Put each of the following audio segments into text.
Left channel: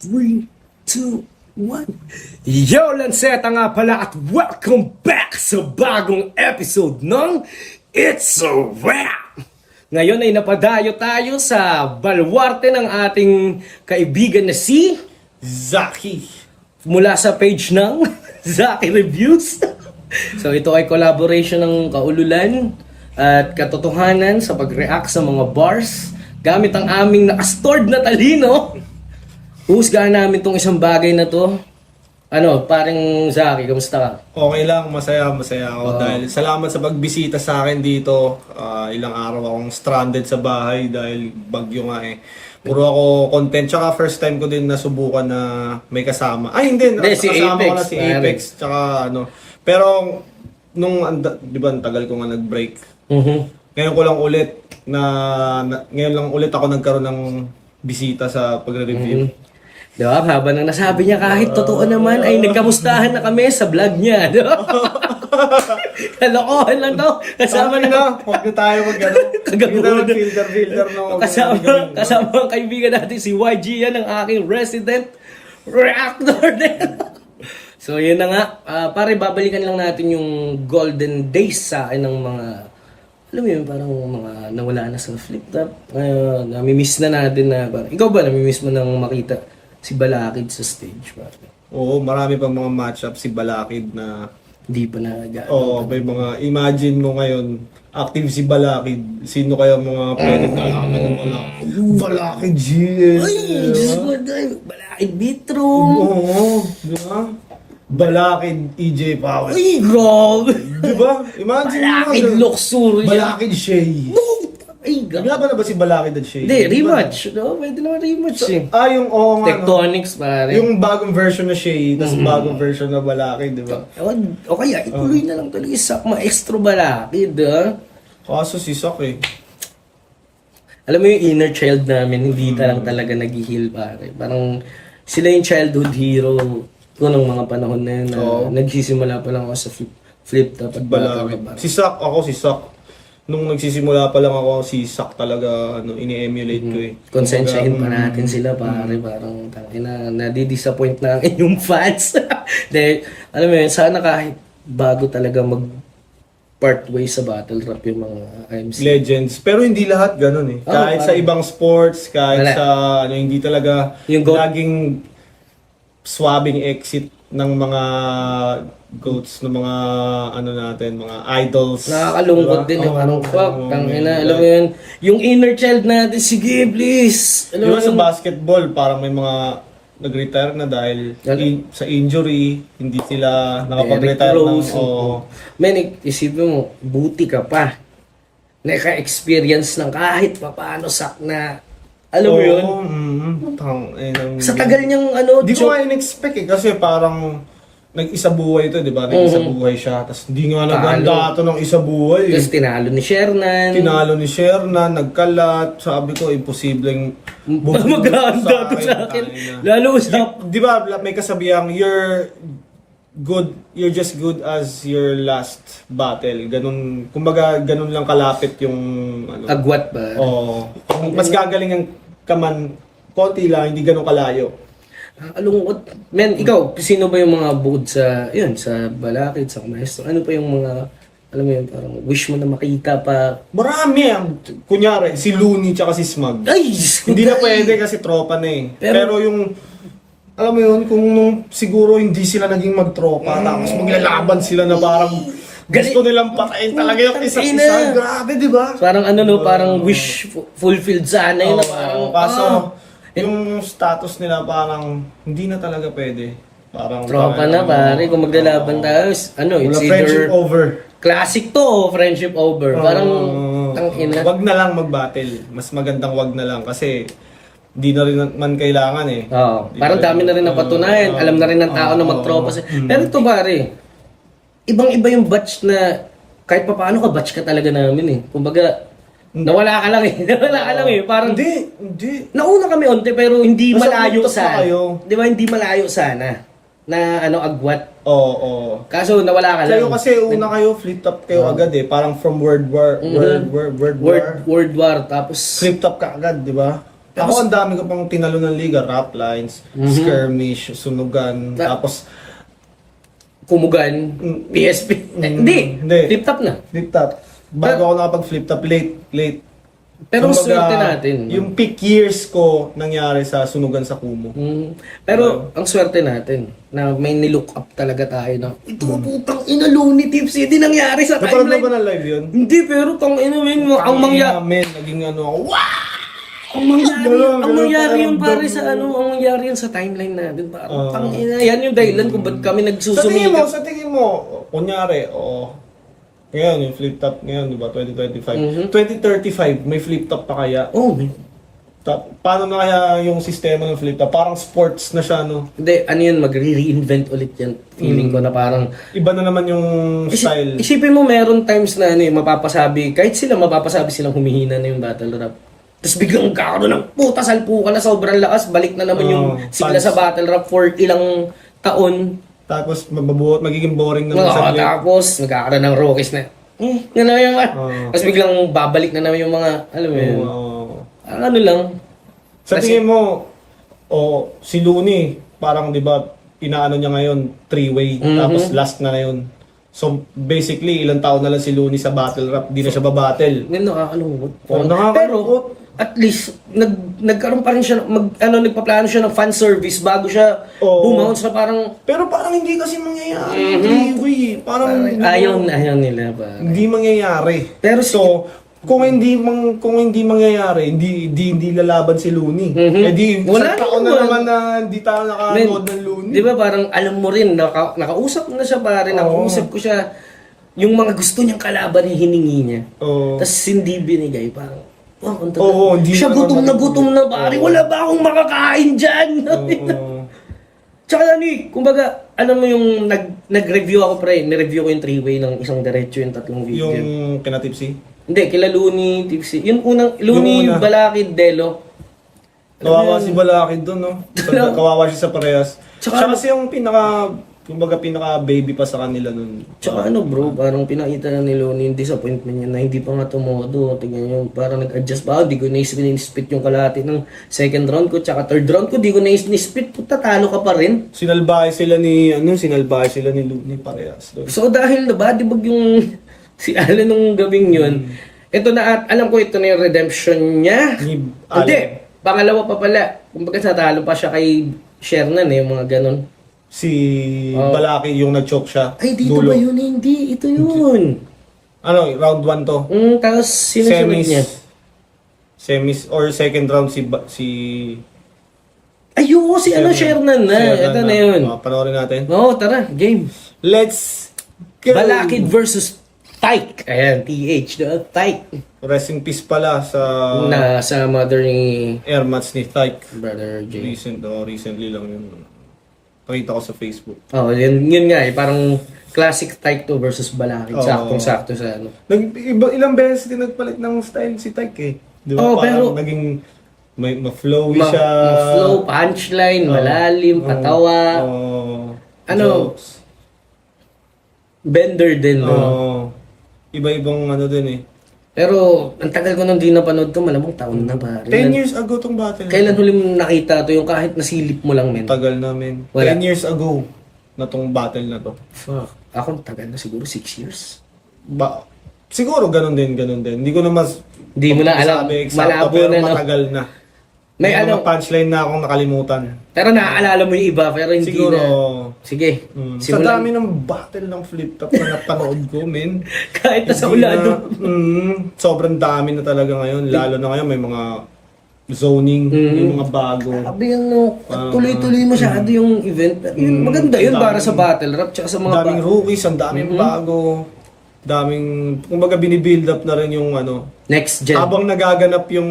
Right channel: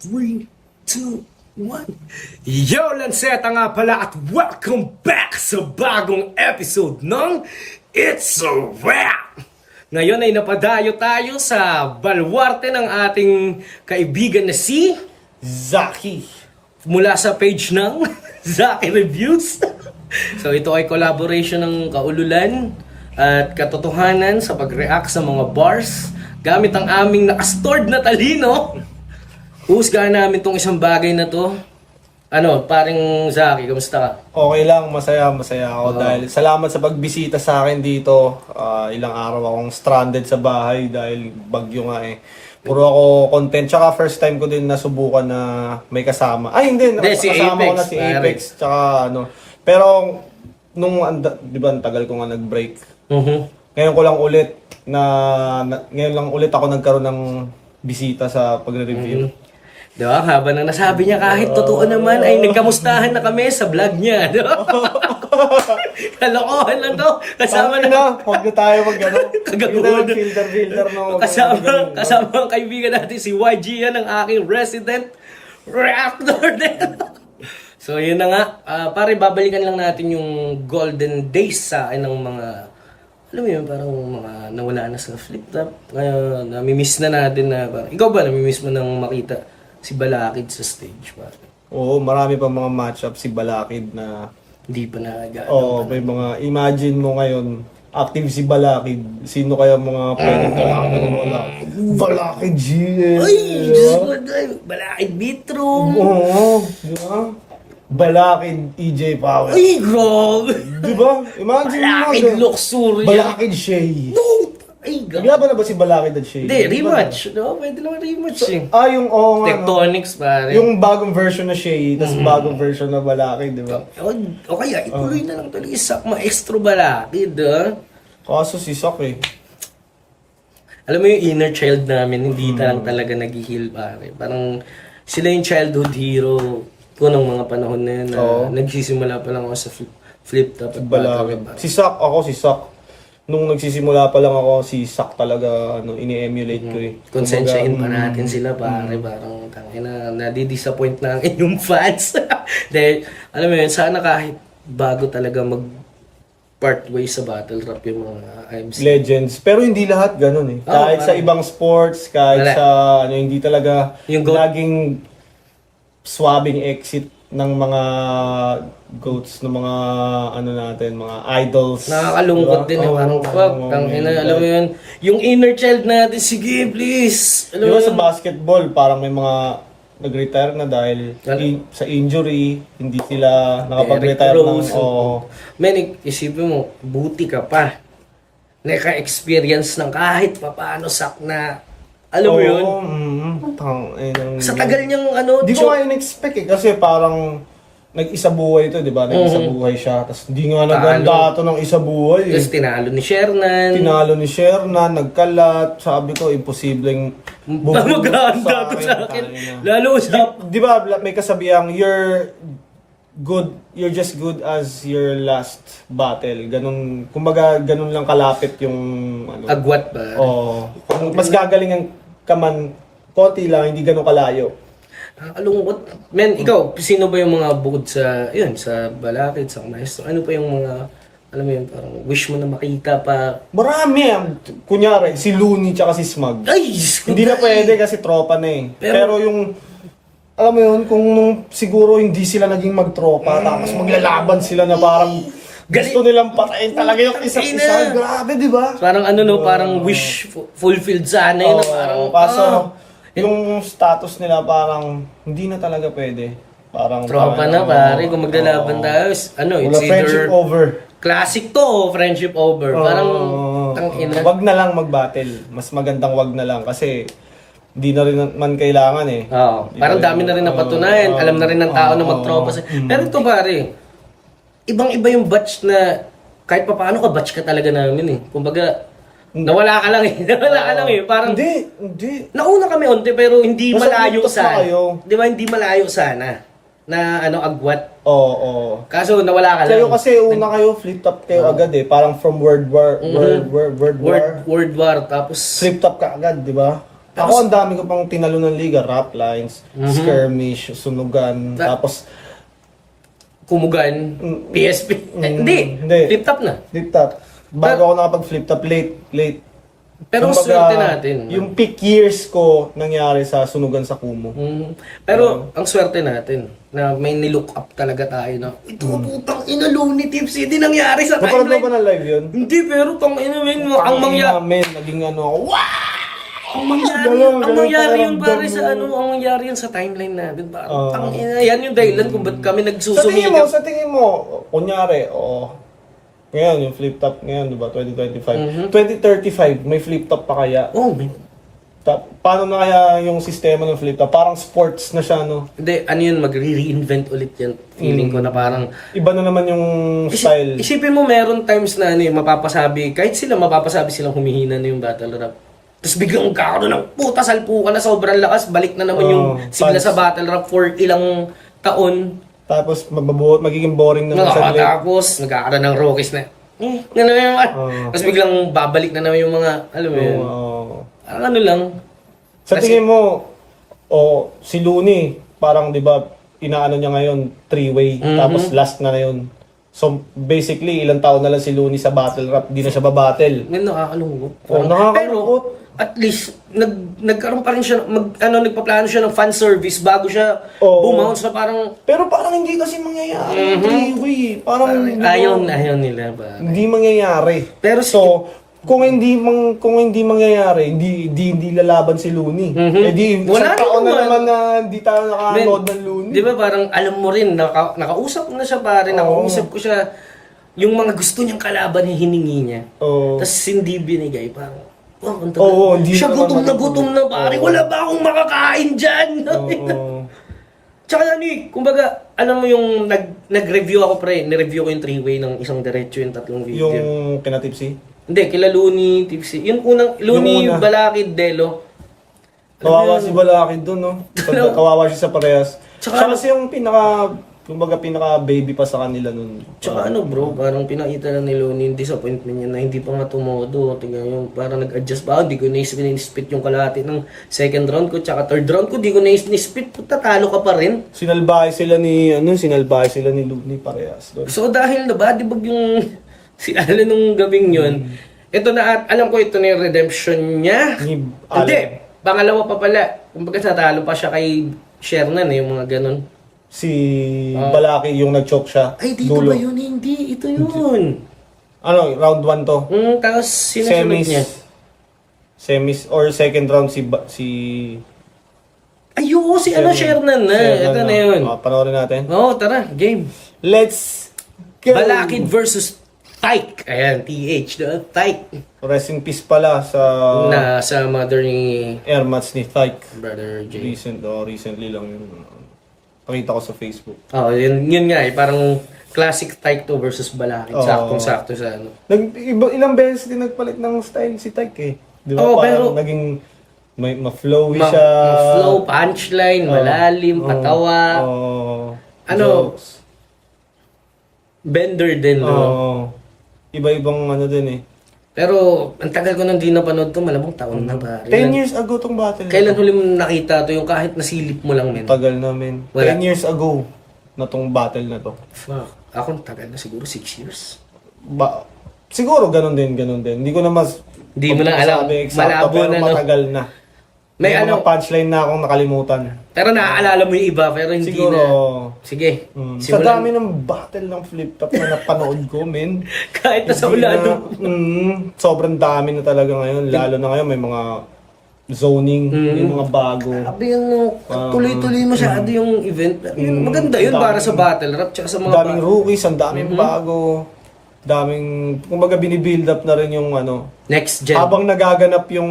3, 2, 1. Yo, Lanceta nga pala at welcome back sa bagong episode ng It's a Wrap! Ngayon ay napadayo tayo sa balwarte ng ating kaibigan na si Zaki. mula sa page ng Zaki Reviews. So ito ay collaboration ng kaululan at katotohanan sa pag-react sa mga bars gamit ang aming nakastored na talino. Husgahan namin tong isang bagay na to. Ano, paring Zaki, kamusta ka? Okay lang, masaya ako dahil salamat sa pagbisita sa akin dito. Ilang araw akong stranded sa bahay dahil bagyo nga eh. Puro ako content. Tsaka first time ko din nasubukan na may kasama. Ay, hindi. Si Kasama Apex. ko na si Apex. Tsaka ano. Pero, di ba, tagal ko nga nag-break. Ngayon ko lang ulit ngayon lang ulit ako nagkaroon ng bisita sa pagre-review. Diba? Habang nang nasabi niya kahit totoo naman ay nagkamustahan na kami sa vlog niya. Diba? Kalokohan lang to. Kasama na. Huwag na tayo Kagaguhan. filter no. Kasama ang kaibigan natin si YG, yan ang aking resident reactor din. So yun na nga, pare babalikan lang natin yung golden days sa akin ng mga, alam mo yun, parang mga nawala na sa flip top. Ngayon, namimiss na natin na, parang, ikaw ba namimiss mo nang makita si Balakid sa stage? Pare? Oo, marami pa mga matchup si Balakid na Hindi pa nagano. Oo, may mga imagine mo ngayon, active si Balakid. Sino kaya mga pwedeng kalaban ng Balakid? Balakid GS. Ay, Diyos ko, Balakid Bitro. Oo, di ba? Balakid EJ Power. Ay, grabe. Di ba? Imagine Balakid mo. Luxury. Balakid Shay. No! Ay, grabe. Naglaban na ba si Balakid at Shay? Hindi, rematch. No? Pwede naman rematch eh. Yung oo nga. Tectonics, pare. Yung bagong version na Shay, tapos bagong version na Balakid, di ba? O kaya, ituloy na lang talaga sa maestro Balakid, ha? Kaso si Sak eh. Alam mo yung inner child namin, hindi lang talaga nag-heal, pare. Parang sila yung childhood hero ko nung mga panahon na yun. Nagsisimula pa lang ako sa flip top at Balakid. Si Sak, si Sak. Nung nagsisimula pa lang ako, si Sak talaga ini-emulate ko eh. Konsensyahin pa natin sila, pare. Parang tangina, nadi-disappoint na ang inyong fans. Dahil, alam mo yun, sana kahit bago talaga part way sa battle rap yung mga IMC. Legends. Pero hindi lahat ganun eh. Kahit sa ibang sports, kahit sa hindi talaga yung laging swabbing exit ng mga goats, ng mga natin, mga idols. Nakakalungkot din yung parang fuck. Alam mo yun, yung inner child natin, sige please. Alam mo Sa basketball, parang may mga nag-retire na dahil sa injury, hindi sila nakapag-retire Men, isipin mo, buti ka pa. Naka-experience ng kahit papaano sak na. Alam mo yun? Sa tagal niyang Di ko nga in-expect eh. Kasi parang nag-isa buhay ito, di ba? Nag-isa buhay siya. Tapos hindi nga naganda ito ng isa buhay. Tapos tinalo ni Shernan. Nagkalat. Sabi ko, imposibleng maganda to sa akin. Lalo sa... Di ba, may kasabihang, you're just good as your last battle. Ganun, kumbaga, ganun lang kalapit yung... agwat ba? Mas gagalingan ka man, konti lang, hindi ganun kalayo. Alungkot. Men, ikaw, sino ba yung mga bukod sa, sa Balakid, sa Maestro? Ano pa yung mga, alam mo yun, parang wish mo na makita pa? Marami. Kunyari, si Looney tsaka si Smug. Ay! Hindi na pwede kasi tropa na eh. Pero yung, alam mo yun, kung siguro hindi sila naging magtropa, tapos maglalaban sila na parang gusto nilang patayin talaga yung isa't isa. Grabe, di ba? Parang parang wish fulfilled sana yun. Kaso, yung status nila parang hindi na talaga pwede. Parang tropa na pare, kung maglalaban tayo, it's friendship either over. Classic to o friendship over. Parang, tangina. Wag na lang mag-battle. Mas magandang wag na lang kasi hindi na rin man kailangan eh. Parang dami na rin napatunayan. Alam na rin ng tao na magtropa. Pero ito pare, ibang-iba yung batch na kahit pa paano ka batch ka talaga namin eh. Kumbaga, nawala ka lang eh. Parang, Hindi. nauna kami onte pero hindi Basta malayo utos na sana. kayo. Di ba, hindi malayo sana na agwat. Oo. Kaso nawala ka lang. Kayo kasi una kayo, flip top kayo agad eh. Parang from World War. World War. Tapos, Flip top ka agad, di ba? Ako, ang dami ko pang tinalo ng liga. Rap lines, skirmish, sunugan, tapos Kumugan, PSP. Hindi, hindi. flip top na. flip top. Bago ako nakapag-flip top, late. Pero Kumbaga, swerte natin. Yung peak years ko nangyari sa sunugan sa Kumu. Pero ang swerte natin na may nilook up talaga tayo na ito putang ina Looney Tipsy, hindi nangyari sa Napanood mo timeline. ba ng live yun? Hindi, pero tang ina men, ang mangyari Namin, naging ano ako, wow! ang mangyari yun pare pakiramdam sa mo. ano, ang mangyari yun sa timeline natin. Parang tang ina, yan yung dahilan kung ba't kami nagsusumikap. Sa tingin mo, kunyari, ngayon, yung flip top ngayon, di ba, 2025. 2035, may flip top pa kaya? Oh, man. Paano na kaya yung sistema ng flip top? Parang sports na siya, no? Hindi, ano yun, magre-reinvent ulit yan. Feeling ko na parang Iba na naman yung style. Isipin mo, meron times na ano, mapapasabi, kahit sila mapapasabi silang humihina na yung battle rap. Tapos biglang kakaroon ng puta salpukan na sobrang lakas, balik na naman yung sigla sa battle rap for ilang taon. Tapos magiging boring naman sa live. Tapos nagkakaroon ng Rockies na, yan na yung tapos biglang babalik na naman yung mga, alam mo yun, ang ano lang. Sa tingin mo, si Looney, parang di ba, inaano niya ngayon, 3-way, tapos last na yun. So basically, ilang taon na lang si Looney sa battle rap, di na siya babattle. Ngayon nakakalungkot. Nakakalungkot. Pero, at least, nagkaroon pa rin siya, nagpaplano siya ng fan service bago siya bumounce na parang, Pero parang hindi kasi mangyayari. 3-way. Parang ayaw nila ba? hindi mangyayari. Pero kung hindi mangyayari, hindi lalaban si Looney. Wala taon na naman. naman na hindi tayo nakanood ng Looney. Di ba parang alam mo rin, nakausap na siya pare, nakausap ko siya, yung mga gusto niyang kalaban hiningi niya. Tapos hindi binigay, parang, ang tagal. hindi Siya gutom na pare, wala ba akong makakain dyan? Tsaka ano kumbaga, alam mo yung nag-review ako pre, nireview ko yung 3-way ng isang diretso yung tatlong video. Yung kinatipsi? Hindi, kila Looney, Tipsy. Yung unang, Looney, Balakid, Delo. Kawawa si Balakid doon, no? Kawawa siya sa parehas. Tsaka Siya kasi yung pinaka baby pa sa kanila nun. Tsaka ano bro, parang pinakita na ni Looney yung disappointment niya na hindi pa nga tumodo. Tingnan nyo, parang nag-adjust pa ako. Hindi ko na-spit yung kalahati ng second round ko. Tsaka third round ko, di ko na-spit. Tatalo ka pa rin. Sinalbahe sila ni Looney parehas doon. So dahil nabadibag yung si Alan nung gabing yun, ito na, alam ko ito na yung redemption niya. Hindi, pangalawa pa pala. Kumbaga natalo pa siya kay Shernan yung mga ganon. Si Balakid yung nag-choke siya. Ay, dito ba yun? Hindi, ito yun. Ano, round 1 to? Tapos sinusunod niya. Semis or second round si Ayoko si Shernan na. Ito na yun. Panoorin natin. Oo, tara, game. Let's go! Balakid versus Tyke. Ayan, TH, the Tyke. Rest in peace pala sa Sa mother ni airmats ni Tyke. Brother J. Recently lang yun. Pakita ko sa Facebook. Oh, yun nga eh. Parang classic Tyke to versus Balakid. Saktong-sakto sa ano. Ilang beses din nagpalit ng style si Tyke eh. Di ba? Pero naging ma-flowy siya. Ma-flow, punchline, malalim, patawa. Jokes. Bender din, no? Iba-ibang ano din eh. Pero, ang tagal ko nang di napanood to, malamang taon na ba? 10 years ago tong battle. Kailan huli mo nakita to yung kahit nasilip mo lang, men? Tagal namin. 10 years ago na tong battle na to. Fuck. Ako, tagal na siguro 6 years. Siguro ganun din. Hindi ko na Hindi mo na alam. Malabo pero na, no? matagal na. May mga punchline na akong nakalimutan. Pero naaalala mo yung iba, pero hindi siguro, na. Sige. Sa dami ng battle ng flip top na napanood ko, men. Kahit nasa ulado. Sobrang dami na talaga ngayon. Lalo na ngayon may mga zoning, yung mga bago. Sabi yan mo, tuloy-tuloy masyado yung event. Maganda yun para sa battle rap, tsaka sa mga daming rookies, ang daming bago. Daming, kumbaga binibuild up na rin yung ano. Next gen. Habang nagaganap yung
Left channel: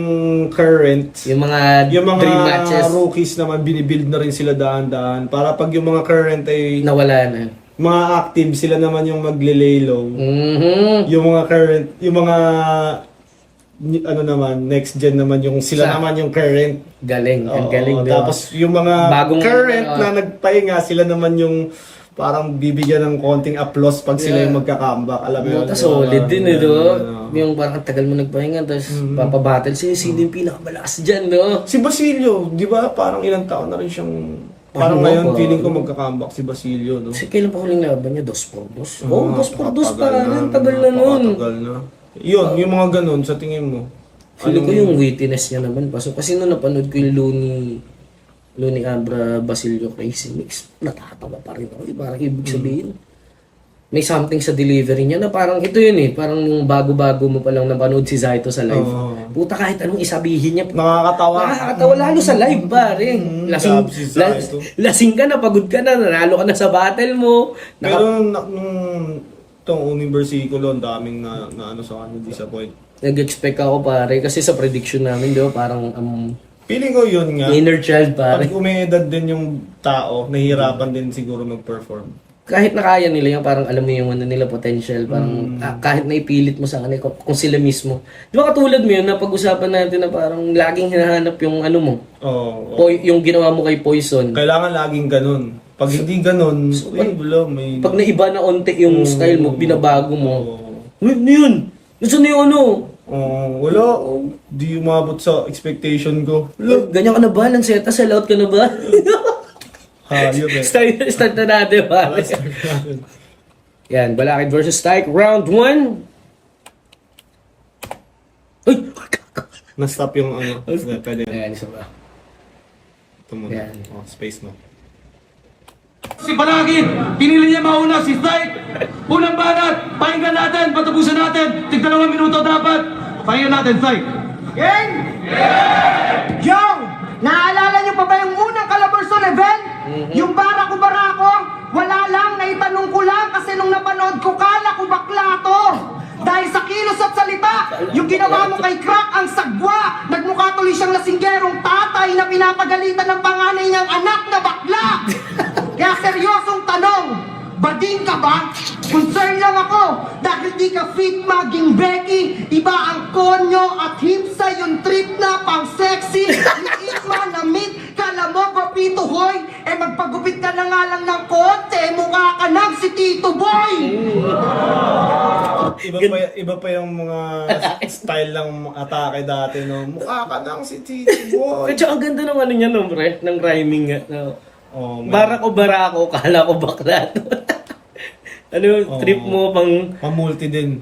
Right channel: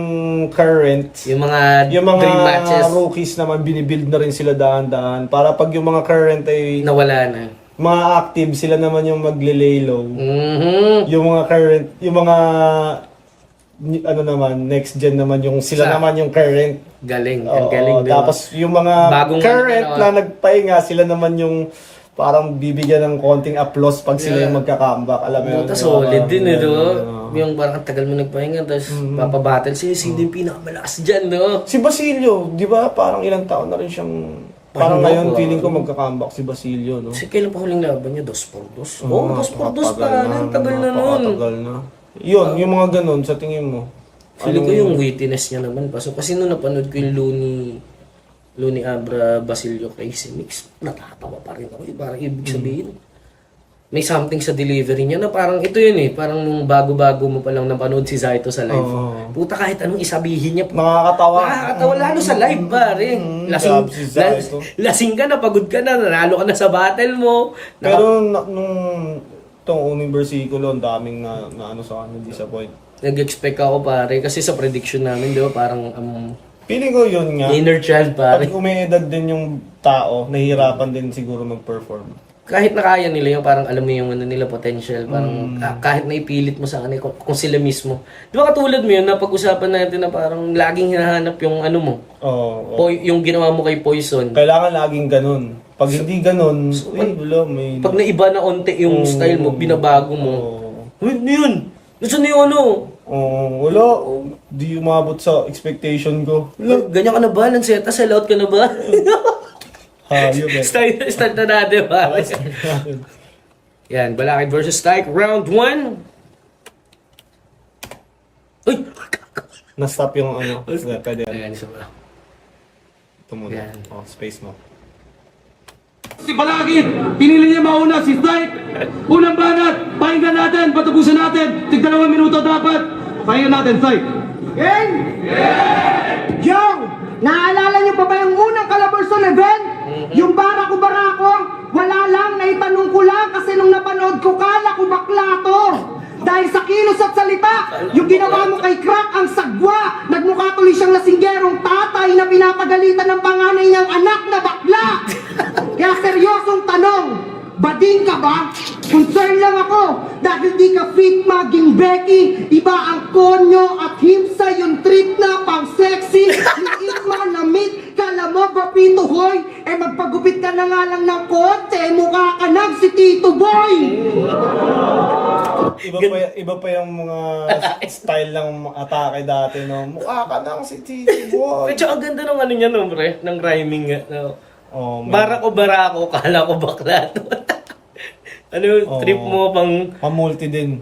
current, yung mga dream matches. Rookies naman binibuild na rin sila dahan-dahan. Para pag yung mga current ay nawala na. Mga active, sila naman yung magle-lay low. Yung mga current, yung mga ano naman, next gen naman yung sila naman yung current. Galing, ang galing doon. Tapos yung mga bagong current na nagpahinga, sila naman yung parang bibigyan ng konting applause pag sila yung magka-comeback. Alam mo yun? Tapos solid din eh, no? Oo. Yung parang ang tagal mo nagpahinga, tapos papabattle siya, sino yung pinakamalakas dyan, no? Si Basilio, di ba parang ilang taon na rin siyang... Parang ngayon, feeling ko magka-comeback si Basilio, no? Kasi kailan pa huling laban niya? 2-4-2? Oo, 2-4-2 pa. Ang tagal na nun. Napakatagal na. Yun, yung mga ganun, sa tingin mo. Feeling ko yung wittiness niya naman. Kasi nung napanood ko yung Looney Abra Basilio Crazy Mix, natatawa pa rin ako. Parang ibig sabihin, may something sa delivery niya na parang ito yun eh. Parang nung bago-bago mo palang napanood si Zaito sa live. Puta kahit anong isabihin niya. Nakakatawa. Nakakatawa lalo sa live pare. grabe si Zaito. Lasing ka na, pagod ka na, nanalo ka na sa battle mo. Pero nung itong unang versikulo, ang daming na ano sa kanya, disappoint. Nag-expect ako pare kasi sa prediction namin, di ba, parang Feeling ko yun nga. inner child pare. Pag umiedad din yung tao, nahihirapan din siguro mag-perform. Kahit na kaya nila yung parang alam mo yung ano nila potential, parang kahit na ipilit mo sa kanila kung sila mismo. Di ba katulad mo yun, napag-usapan natin na parang laging hinahanap yung ano mo, Oo. yung ginawa mo kay Poison. Kailangan laging ganun. Pag hindi ganun, wala, may... Pag naiba na onte yung style mo, binabago mo. Oo. Uy, ano yun? Nasaan na yung ano? Wala. Di umabot sa expectation ko. Wala. Ganyan ka na ba? Lanseta, sell out ka na ba? Hayop eh. Start na natin ba? Yan, Balakid versus Tyke, round 1. Uy! Na-stop yung ano. Pwede. Ayan, isa ba? Ito muna. Yan. Space mo. Si Balakid, pinili niya mauna si Tyke. Unang banat, pakinggan natin, patubusan natin. Tig 2 minuto dapat. Pakinggan natin, Tyke. Gang! Yo! Naalala niyo pa ba yung unang Calabarzon event? Yung barako-barako? Wala lang, naitanong ko lang kasi nung napanood ko, kala ko bakla to. Dahil sa kilos at salita, yung ginawa mo kay Crack ang sagwa. Nagmukha tuloy siyang lasinggerong tatay na pinapagalitan ng panganay niyang anak na bakla. Kaya seryosong tanong, bading ka ba? Concern lang ako dahil di ka fit maging Becky. Iba ang konyo at himsa yung trip na pang sexy. Ni Irma na meet, kala mo gupito hoy. Eh magpagupit ka na nga lang ng konti, mukha ka ng si Tito Boy. Iba pa yung mga style ng atake dati, no? Mukha ka nang si Tito Boy. Pero ang ganda ng ano niya, no, pre? Ng rhyming nga. No? Oh, man. Barako, kala ko bakla to. Ano yung trip mo pang... Mamulti din.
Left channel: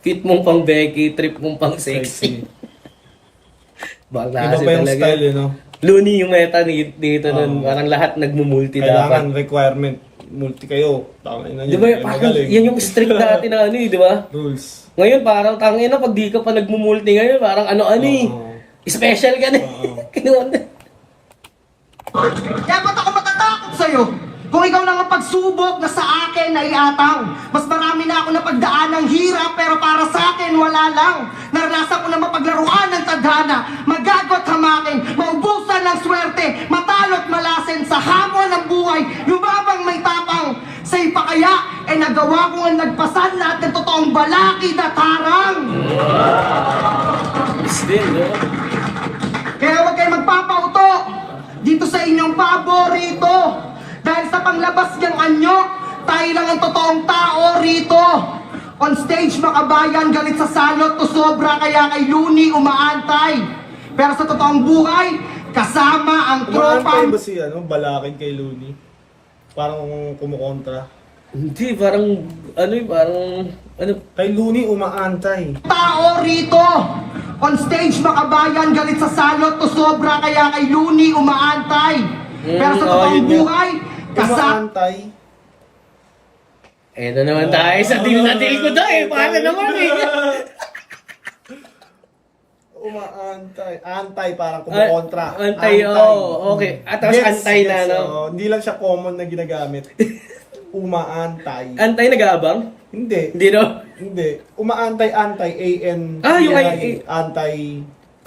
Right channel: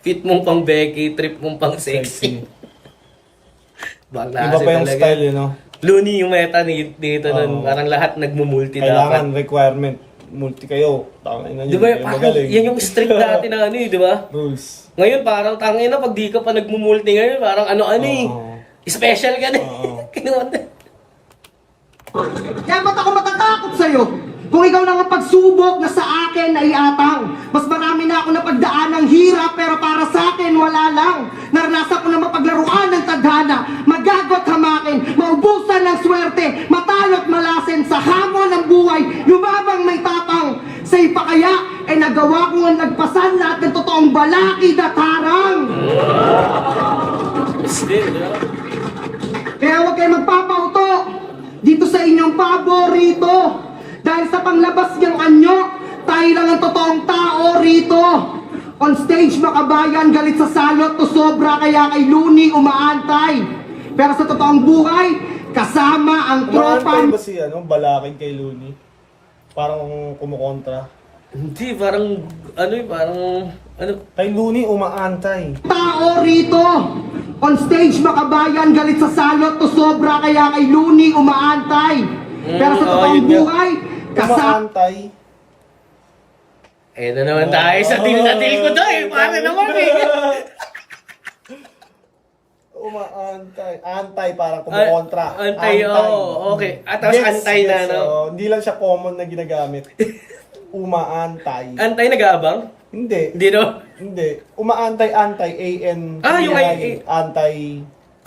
Fit mong pang Becky, trip mong pang sexy. Bakla Iba kasi pa yung talaga. style, you know? Looney yung meta dito nun. Parang lahat nagmumulti dapat. Kailangan requirement. Multi kayo. Tangin na Di ba, yun. parang Magaling. yan yung strict dati na ano eh, di ba? Rules. Ngayon parang tangin na pag di ka pa nagmumulti ngayon, parang ano-ano eh. Oo. Special ka na. Kinuha na. Kaya ba't ako matatakot sa'yo? Kung ikaw lang ang pagsubok na sa akin ay atang. Mas marami na ako napagdaan ng hirap pero para sa akin wala lang. Naranasan ko na mapaglaruan ng tadhana, magagot hamakin, maubusan ng swerte, matalo't malasin sa hamon ng buhay, lumabang may tapang. Sa ipa kaya, nagawa ko ang nagpasan lahat ng totoong balakid at harang. Kaya huwag kayo magpapauto dito sa inyong paborito. Dahil sa panglabas niyang anyo, tayo lang ang totoong tao rito. On stage makabayan, galit sa salot to sobra kaya kay Looney umaantay. Pero sa totoong buhay, kasama ang Umaantay tropa. ba si Balakid kay Looney? Parang kumukontra. Hindi, parang ano eh, parang ano. Kay Looney umaantay. Tao rito. On stage makabayan, galit sa salot to sobra kaya kay Looney umaantay. Pero sa totoong yun nga. buhay, kasama. Umaantay. Eh, na naman tayo sa deal na deal ko dahil para naman eh. Umaantay. Antay, parang kumukontra. Antay, oo, okay. At tapos antay na, no? So, hindi lang siya common na ginagamit. Umaantay. Antay nag-aabang? Hindi. Hindi no? Hindi. Umaantay, antay, A-N. Yung Antay.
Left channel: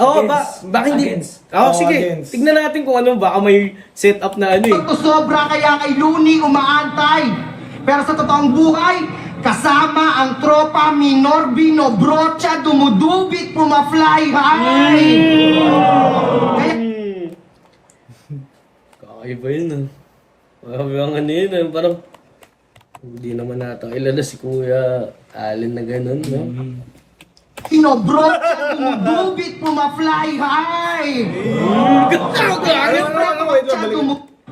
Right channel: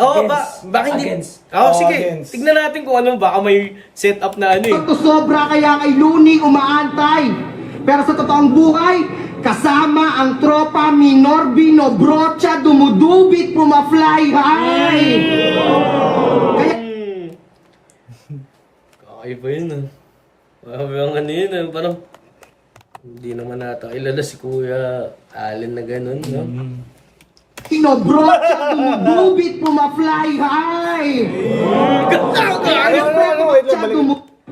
Oo, baka hindi. Oo, sige. Against. Tignan natin kung ano, baka may setup na ano eh. To sobra kaya kay Looney umaantay. Pero sa totoong buhay, kasama ang tropa minor binobrocha, dumudubit, pumafly high. Kaya Kakaiba yun ah. Ang ano yun, parang hindi naman nato. Ilala si Kuya Allen na ganun, no? Kinobrocha, dumudubit, pumafly high!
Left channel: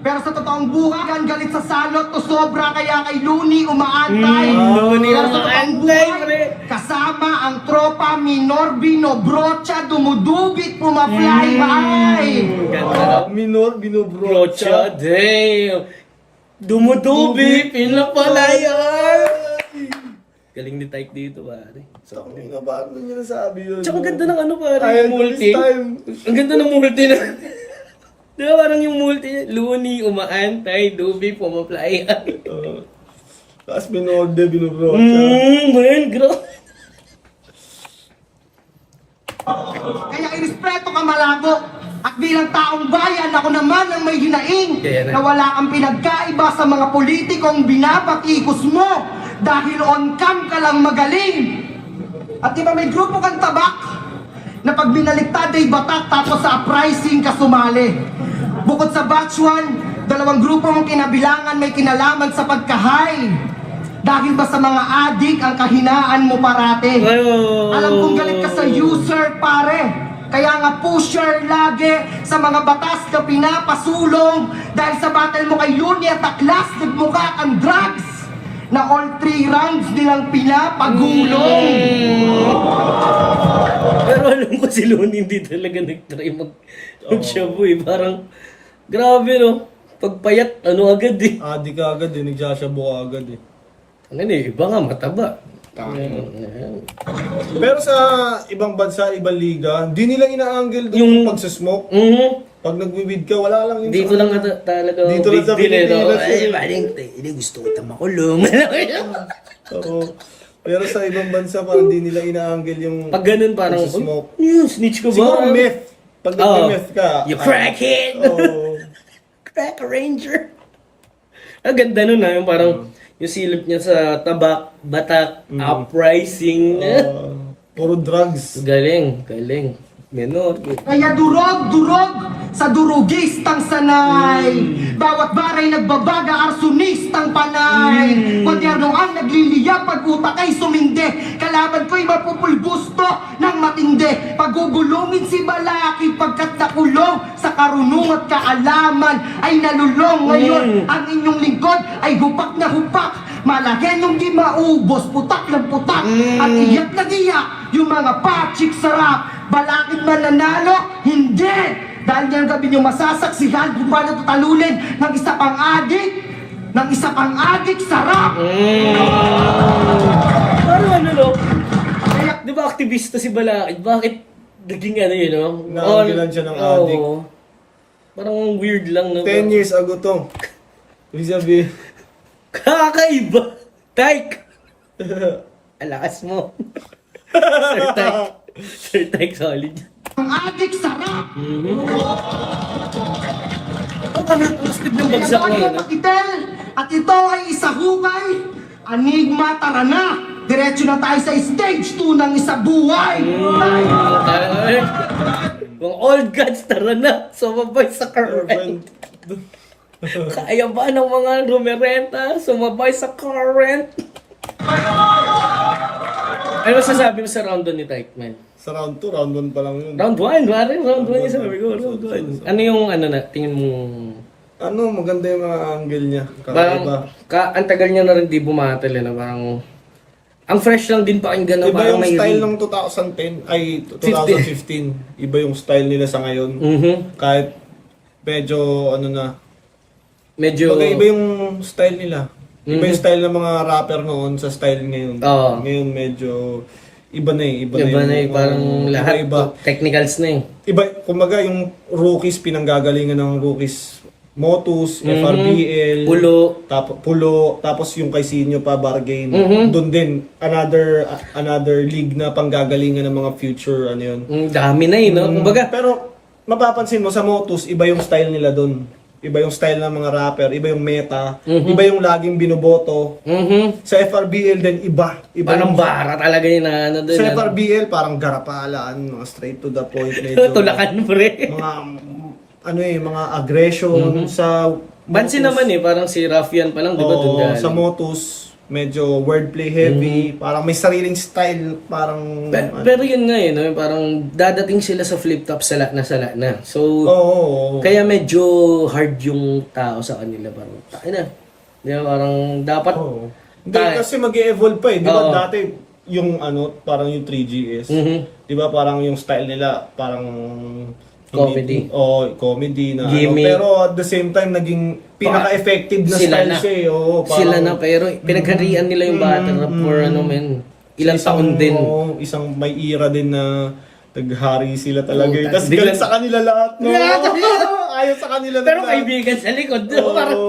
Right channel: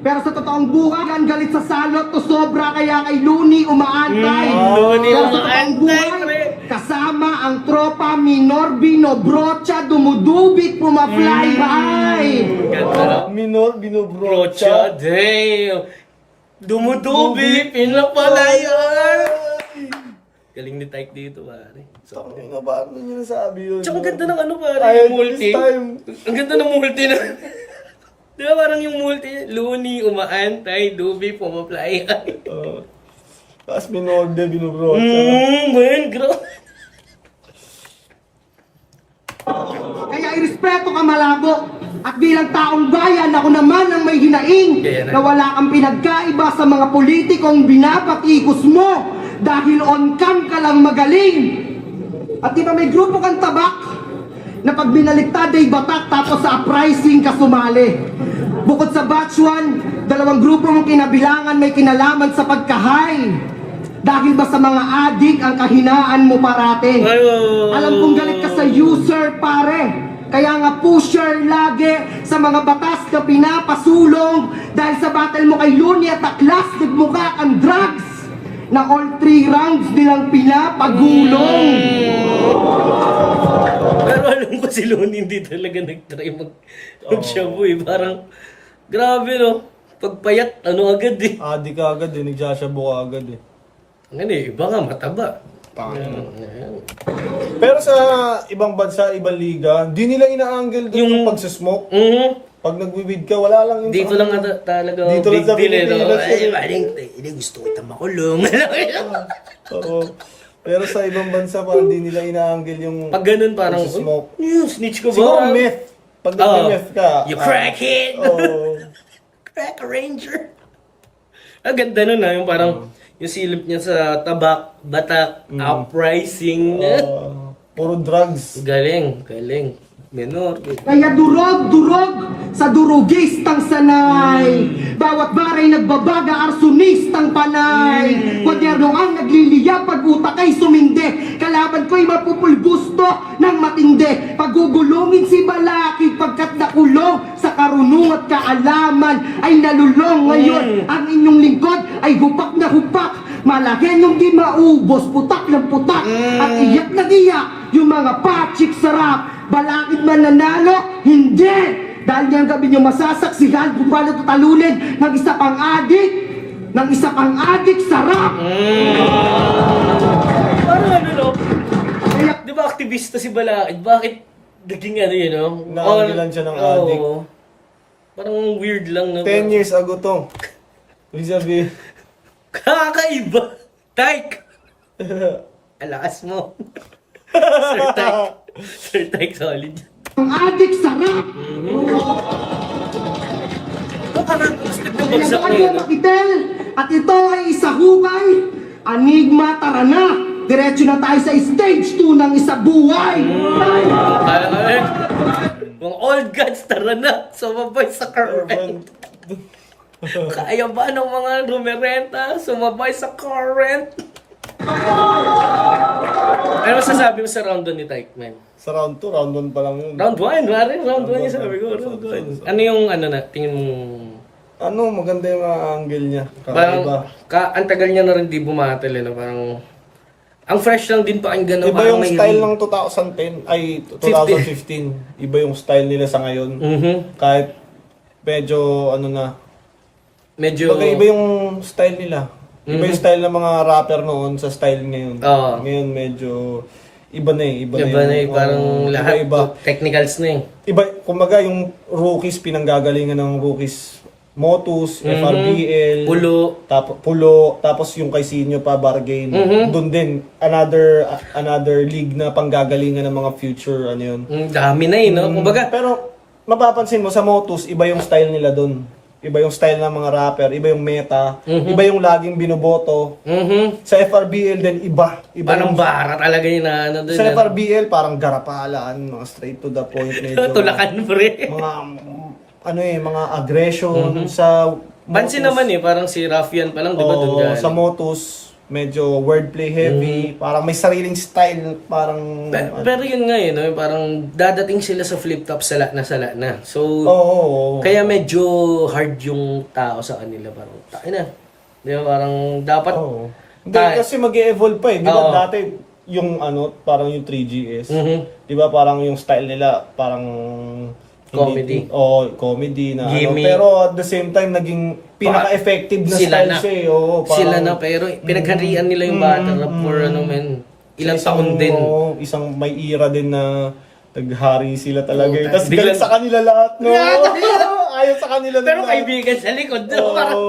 Pero sa totoong buhay, yan galit sa salot to sobra kaya kay Looney umaantay. Looney Pero sa totoong umaantay, buhay, pre. kasama ang tropa Minor Binobrocha, dumudubit, pumafly high. Ganda. Minor, Brocha, damn! Dumudubi, pinapalayan! Galing ni Tyke dito, pare. Sabi nga ba, ano nyo nasabi yun? Tsaka ganda ng ano, pare, Ay, yung multi. this time. Ang ganda ng multi na. Di ba parang yung multi niya? Looney, umaantay, dubi, pumaplayan. Tapos binorder, binobrocha. Man, grabe. Kaya irespeto ka malabo. At bilang taong bayan, ako naman ang may hinaing Kaya na. na wala kang pinagkaiba sa mga politikong binabatikos mo dahil on cam ka lang magaling. At di ba may grupo kang tabak na pag binaliktad ay batak tapos sa uprising ka sumali. Bukod sa batch 1, dalawang grupo mong kinabilangan may kinalaman sa pagkahay. Dahil ba sa mga adik ang kahinaan mo parate? Alam kong galit ka sa user pare. Kaya nga pusher lagi sa mga batas na pinapasulong dahil sa battle mo kay Looney at Aklas nagmukha kang drugs na all 3 rounds nilang pinapagulong. Pero alam ko si Looney hindi talaga nag-try mag-shabu eh. Parang, grabe no. Pagpayat, ano agad eh. Adik ka agad eh, nagsasabo ka agad eh. Ano eh, iba nga mataba. Tangina. Pero sa ibang bansa, ibang liga, di nila ina-angle doon yung pagsasmoke. Pag nagwi-weed ka, wala lang yung Dito lang talaga Dito big lang sa deal eh. No? Pilipinas Ay, yun. maling, hindi gusto kita makulong. Oo. Pero sa ibang bansa, parang di nila ina-angle yung Pag ganun parang, pagsasmoke. snitch ko ba? Siguro meth. Pag Oo. nag-meth ka. You crackhead! Oo. Crack ranger! Ang ganda nun yung parang, yung silip niya sa tabak, batak, uprising. Puro drugs. Galing. Menor. Kaya durog sa durugistang sanay. Bawat baray nagbabaga, arsonistang panay. Kwaderno ang nagliliya pag utak ay sumindi. Kalaban ko'y mapupulbusto ng matindi. Pagugulungin si Balaki pagkat nakulong sa karunong at kaalaman ay nalulong. Ngayon ang inyong lingkod ay hupak na hupak. Malagyan yung di maubos, putak ng putak. At iyak na iyak yung mga patsik sarap. Balakid man nanalo? Hindi! Dahil niyan gabi niyo masasaksihan kung paano tatalulin ng isa pang adik, sarap! Parang ano no? Di ba aktivista si Balakid? Bakit naging ano yun no? Naanggilan siya ng adik. Oo. Parang weird lang no? 10 years ago to. Ibig sabihin, Kakaiba! Tyke! Alakas mo. Sir Tyke solid. Ang adik, sarap! Ang gusto ng bagsak Ito mo. ay Pakitel, at ito ay isa hukay. Enigma, tara na! Diretso na tayo sa stage 2 ng isa buhay! Parang ano yun? Mga old gods, tara na! Sumabay sa current. Kaya ba ng mga rumerenta? Sumabay sa current. Ano masasabi mo sa round 1 ni Tyke, man? sa round 2, round 1 pa lang yun. Round 1, round 1 yung sabi ko. Round 1. Ano yung ano na, tingin mo? Ano, maganda yung mga angle niya. Parang, Kakaiba. ang tagal niya na rin di bumatal eh, na parang, ang fresh lang din pakinggan na Iba parang yung may style ng 2010, ay 2015. Iba yung style nila sa ngayon. Kahit medyo ano na, Medyo, iba yung style nila. Iba yung style ng mga rapper noon sa style ngayon. Oo. Ngayon medyo iba na eh. iba na eh, parang lahat iba. technicals na eh. Iba, kumbaga yung rookies, pinanggagalingan ng rookies. Motus, FRBL, Pulo, tapos yung kay Sinyo pa, Bargain. Doon din, another league na panggagalingan ng mga future, ano yun. Dami na eh, no? Kumbaga, Pero, mapapansin mo, sa Motus, iba yung style nila doon. Iba yung style ng mga rapper, iba yung meta, iba yung laging binoboto. Sa FRBL din, iba parang yung, bara talaga yun na ano doon. sa FRBL, parang garapalaan, mga straight to the point. Medyo, Tulakan pre. mga mga aggression sa Pansin naman parang si Raffian pa lang, di ba? Doon Oo, galing. sa Motus, medyo wordplay heavy, parang may sariling style, parang... Pero yun nga no? Parang dadating sila sa flip top sala na. So, Oo. kaya medyo hard yung tao sa kanila. Parang, tayo na. Di ba? Parang dapat... Oo. Hindi, kasi mag-evolve pa Di ba Oo. dati, yung parang yung 3GS, Mhm. di ba parang yung style nila, parang... Comedy. Comedy na Gimmick. pero at the same time, naging pinaka-effective na Sila style na. siya Oo, parang, Sila na, pero pinagharian nila yung battle rap for ilang taon din. Isang may era din na naghari sila talaga. Oo, Tapos biglang- galit sa kanila lahat, no? Ayaw sa kanila Pero lahat. kaibigan sa likod, no? Oo. Parang,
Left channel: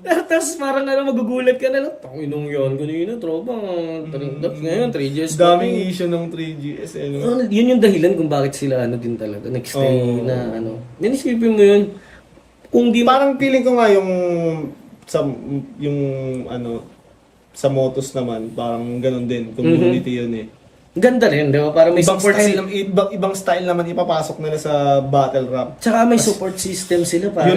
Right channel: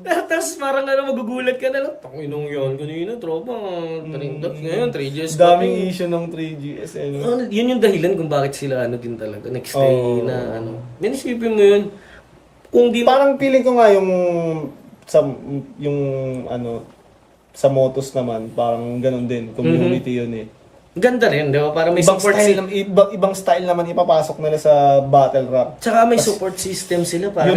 tapos parang magugulat ka na lang. Tanginong yun, kanina, tropa. Ngayon, 3 years pa Daming rin. issue ng 3GS. No? Yun yung dahilan kung bakit sila din talaga. Nag-stay Oo. na Minisipin mo yun. Kung di Parang feeling ko nga sa sa Motos naman, parang ganun din. Community yun eh. ganda rin, di ba? Para may Ibang support style, ibang style naman ipapasok nila sa battle rap. Tsaka may support system sila, parang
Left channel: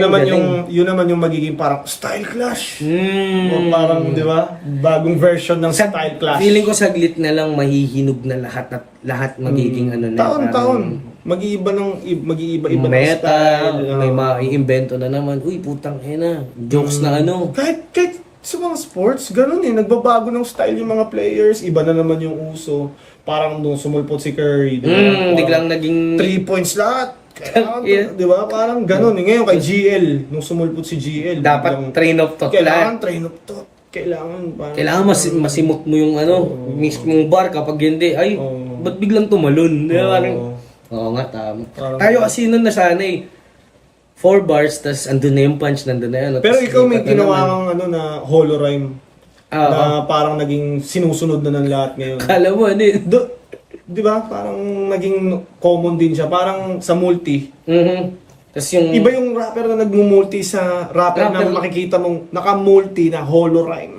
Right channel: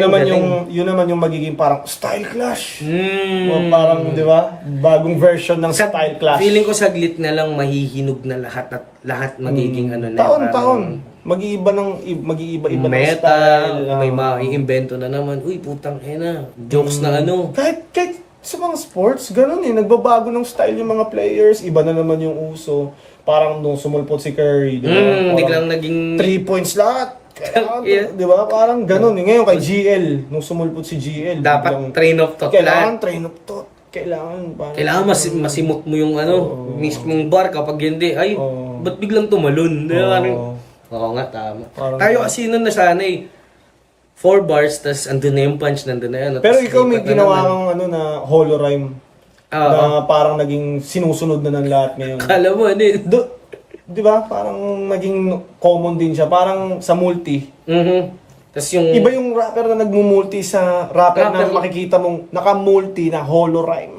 Yun naman yung magiging parang style clash. Hmm. O parang, di ba? Bagong version ng style clash. Feeling ko saglit na lang mahihinog na lahat at lahat magiging Taon-taon. Mag-iiba-iba ng meta, style. may maiimbento na naman. Uy, putang ina, jokes na Kahit sa mga sports, ganun nagbabago ng style yung mga players. Iba na naman yung uso. Parang nung sumulpot si Curry. Parang biglang naging 3 points lahat. Kailangan, Yeah. di ba? Parang ganun. Ngayon kay GL, nung sumulpot si GL. dapat biglang- train of thought Kailangan lahat. train of thought. Kailangan Masimot mo yung mismong bar kapag hindi. Ay, Oo. ba't biglang tumalon? Di ba? Oo. Oo nga, tama. Parang- Tayo kasi nun nasanay. 4 bars, tas andun na yung punch, nandun na yan. Pero tas ikaw may lipat na ginawa naman. kang na holorhyme. Oo. Na parang naging sinusunod na ng lahat ngayon. Kala mo, Di ba? Parang naging common din siya. Parang sa multi. Tas yung... Iba yung rapper na nagmumulti sa rapper na Rapper. makikita mong naka-multi na holorhyme.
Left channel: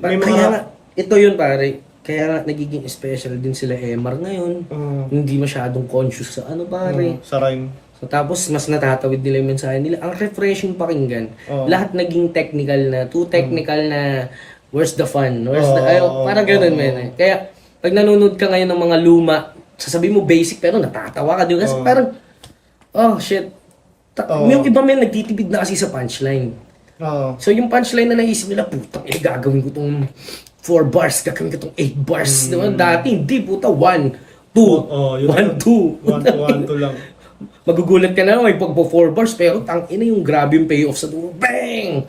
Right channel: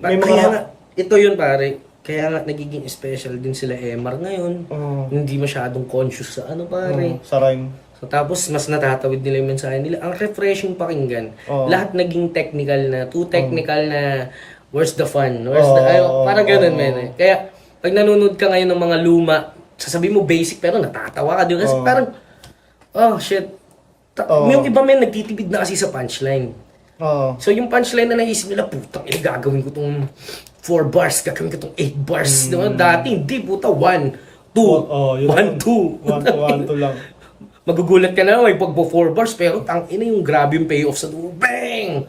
May mga- Kaya nga, ito yun pare. Kaya nga, nagiging special din sila Emar ngayon. Hindi masyadong conscious sa pare. Sa rhyme. So, tapos, mas natatawid nila yung mensahe nila. Ang refreshing pakinggan. Oo. Lahat naging technical na, too technical na, where's the fun? Where's the... Oo. Parang ganun, men. Kaya, pag nanonood ka ngayon ng mga luma, sasabihin mo basic, pero natatawa ka. Di ba? Kasi parang, oh, shit. Oo. Yung iba men, nagtitipid na kasi sa punchline. Oo. So, yung punchline na naisip nila, putang gagawin ko tong 4 bars, gagawin ko tong 8 bars. Di ba? Dati, hindi, puta, 1, 2, Oo, yun 1, 2. 1 to lang. Magugulat ka na, may pagpo 4 bars, pero tangina yung grabe yung payoff sa dulo. Bang!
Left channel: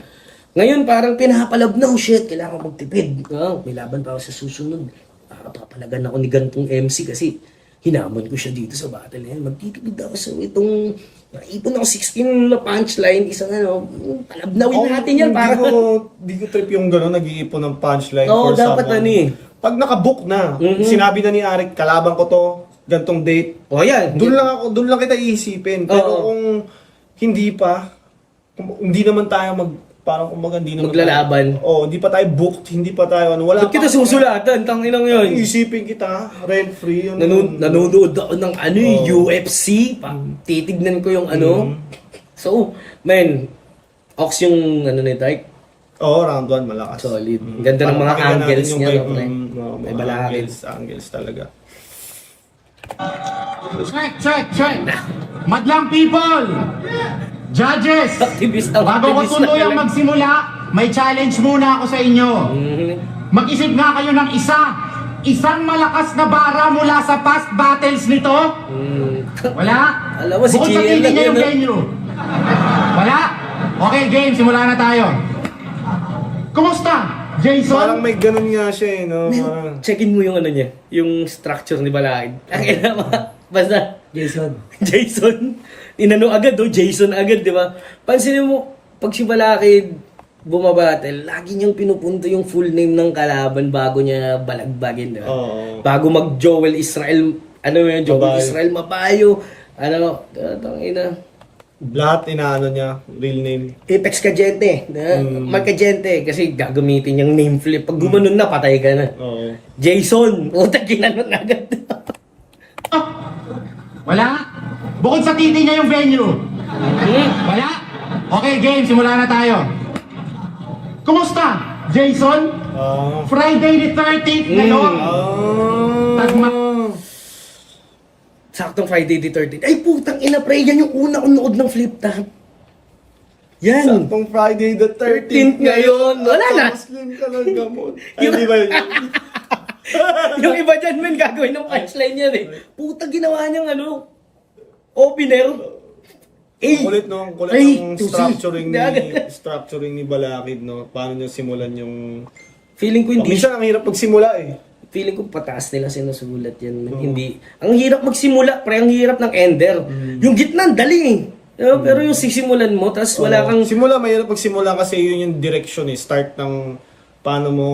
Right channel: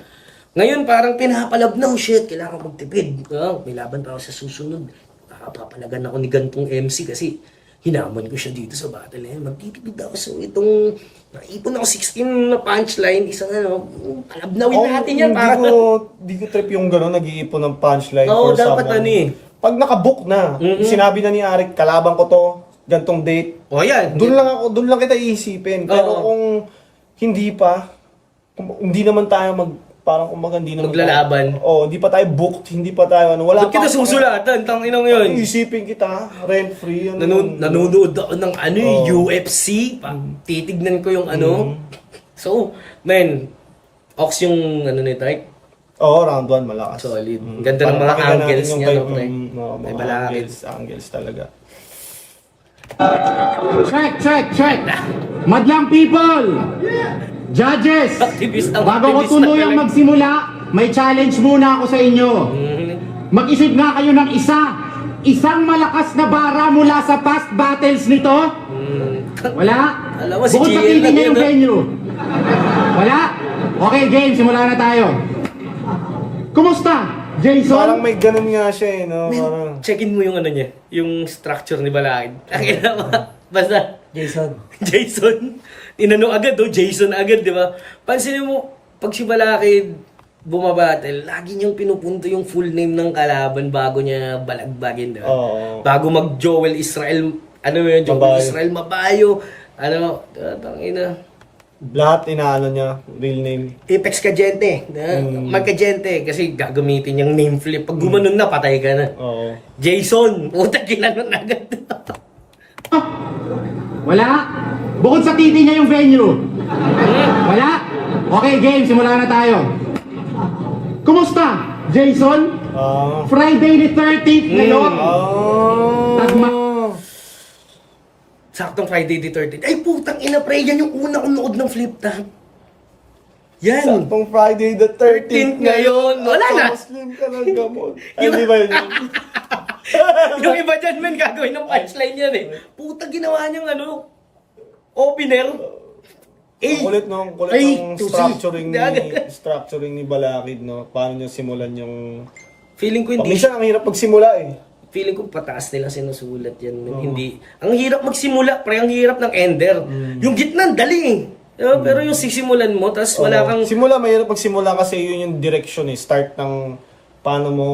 Ngayon, parang pinapalab na, oh shit, kailangan ko magtipid. May laban pa ako sa susunod. Papalagan ako ni gantong MC kasi hinamon ko siya dito sa battle. Magtitipid ako. So, itong naipon ako 16 na punchline, isang palabnawin natin yan. Di ko trip yung gano'n, nag-iipon ng punchline. Oo, for dapat someone. Pag nakabook na, sinabi na ni Arik, kalaban ko to, gantong date, O yan. doon lang kita iisipin. Pero Oo. kung hindi pa, hindi naman tayo parang kumbaga hindi naman Maglalaban. Hindi pa tayo booked, hindi pa tayo wala Ba't kita susulatan? Tanginang yun. Isipin kita, rent free yun. Nanonood ako ng UFC. Titignan ko yung So, man, Ox yung ni Tyke. Round 1 malakas. Solid. Ang ganda ng mga Pakinggan natin angles yung niya, vibe no, pre? ng- May mga balakid. angles talaga. Check. Madlang people! Judges! Activist Bago ko na tuluyang talaga. magsimula, may challenge muna ako sa inyo. Mag-isip nga kayo ng isang malakas na bara mula sa past battles nito. Wala? Alam mo, si Bukod sa GL lang titingin yun, yung no? venue. Wala? Okay, game. Simula na tayo. Kumusta, Parang Jason? may ganun nga siya no? Parang, Check-in mo yung niya, yung structure ni Balakid. Ang ina mo, basta, Jason. Tinanong agad, Jason agad, di ba? Pansinin mo, pag si Balakid bumabattle, lagi niyang pinupunto yung full name ng kalaban bago niya balagbagin, di ba? Oo. Bago mag-Joel Israel, Joel Mabayo. Israel Mabayo, tangina. lahat inaano niya, real name. Apex Kajente, Magkajente, kasi gagamitin yung name flip. Pag gumanon na, patay ka na. Oo. Jason, puta, ginanon agad. Wala? Bukod sa titi niya yung venue. Wala? Okay, game. Simula na tayo. Kumusta, Jason? Friday the 13th ngayon. Tagma. Saktong Friday the 13th. Ay, putang ina, pre. Yan yung una kong nood ng flip top. Yan. Saktong Friday the 13th ngayon. Wala na. Muslim ka ng gamot. Ay, di ba yun? Yung iba dyan, men, gagawin ng punchline yan eh. Puta, ginawa niyang ano, opener. Ang kulit, no? Ang kulit Ay, ng tusi. structuring ni Balakid, no? Paano niya simulan yung... Feeling ko hindi. Minsan ang hirap pagsimula, eh. Feeling ko pataas nila sinusulat yan. Men. Hindi. Ang hirap magsimula, pre, ang hirap ng ender. Yung gitna, dali eh. Pero yung sisimulan mo, tas wala kang... Simula, mahirap pagsimula kasi yun yung direction, eh. Start ng paano mo...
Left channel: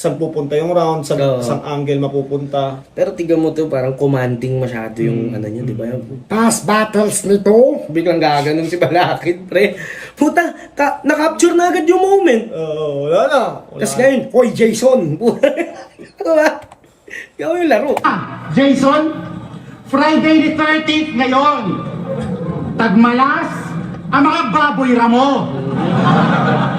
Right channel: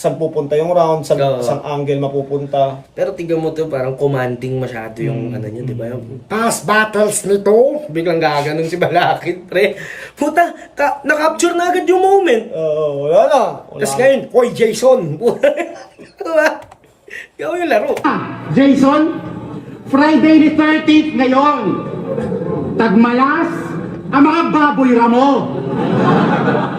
Saan pupunta yung round, saan angle mapupunta. Pero tignan mo to, parang commanding masyado yung ano niya, di ba? Past battles nito, biglang gaganon si Balakid, pre. Puta, na-capture na agad yung moment. Wala na. Tapos ngayon, hoy Jason! Diba? Ikaw yung laro. Jason, Friday the 13th ngayon. Tagmalas ang mga baboy ramo.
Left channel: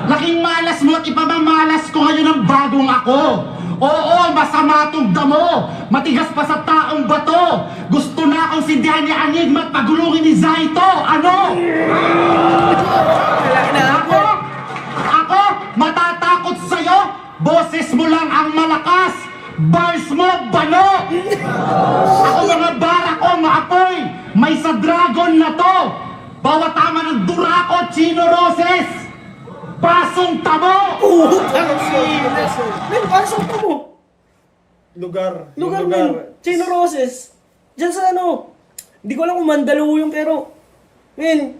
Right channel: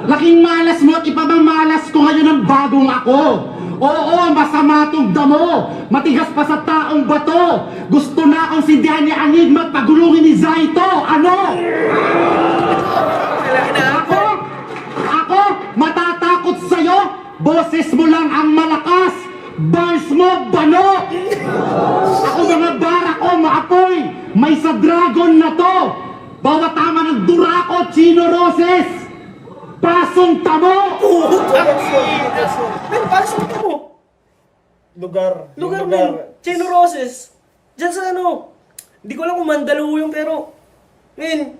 Laking malas mo at ipamamalas ko ngayon ang bagong ako. Oo, masama tong damo. Matigas pa sa taong bato. Gusto na akong sindihan ni Enigma at pagulungin ni Zaito. Ano? Wala na ako. Ako, matatakot sa'yo. Boses mo lang ang malakas. Bars mo, bano. Ako mga bara ko, maapoy. May sa dragon na to. Bawat tama ng Durako, Chino Roses. Pasong tamo. Putang ina. Men, pasok pa mo. Lugar, men. Chino Roses. Diyan sa ano. Hindi ko alam kung Mandaluyong pero... Men.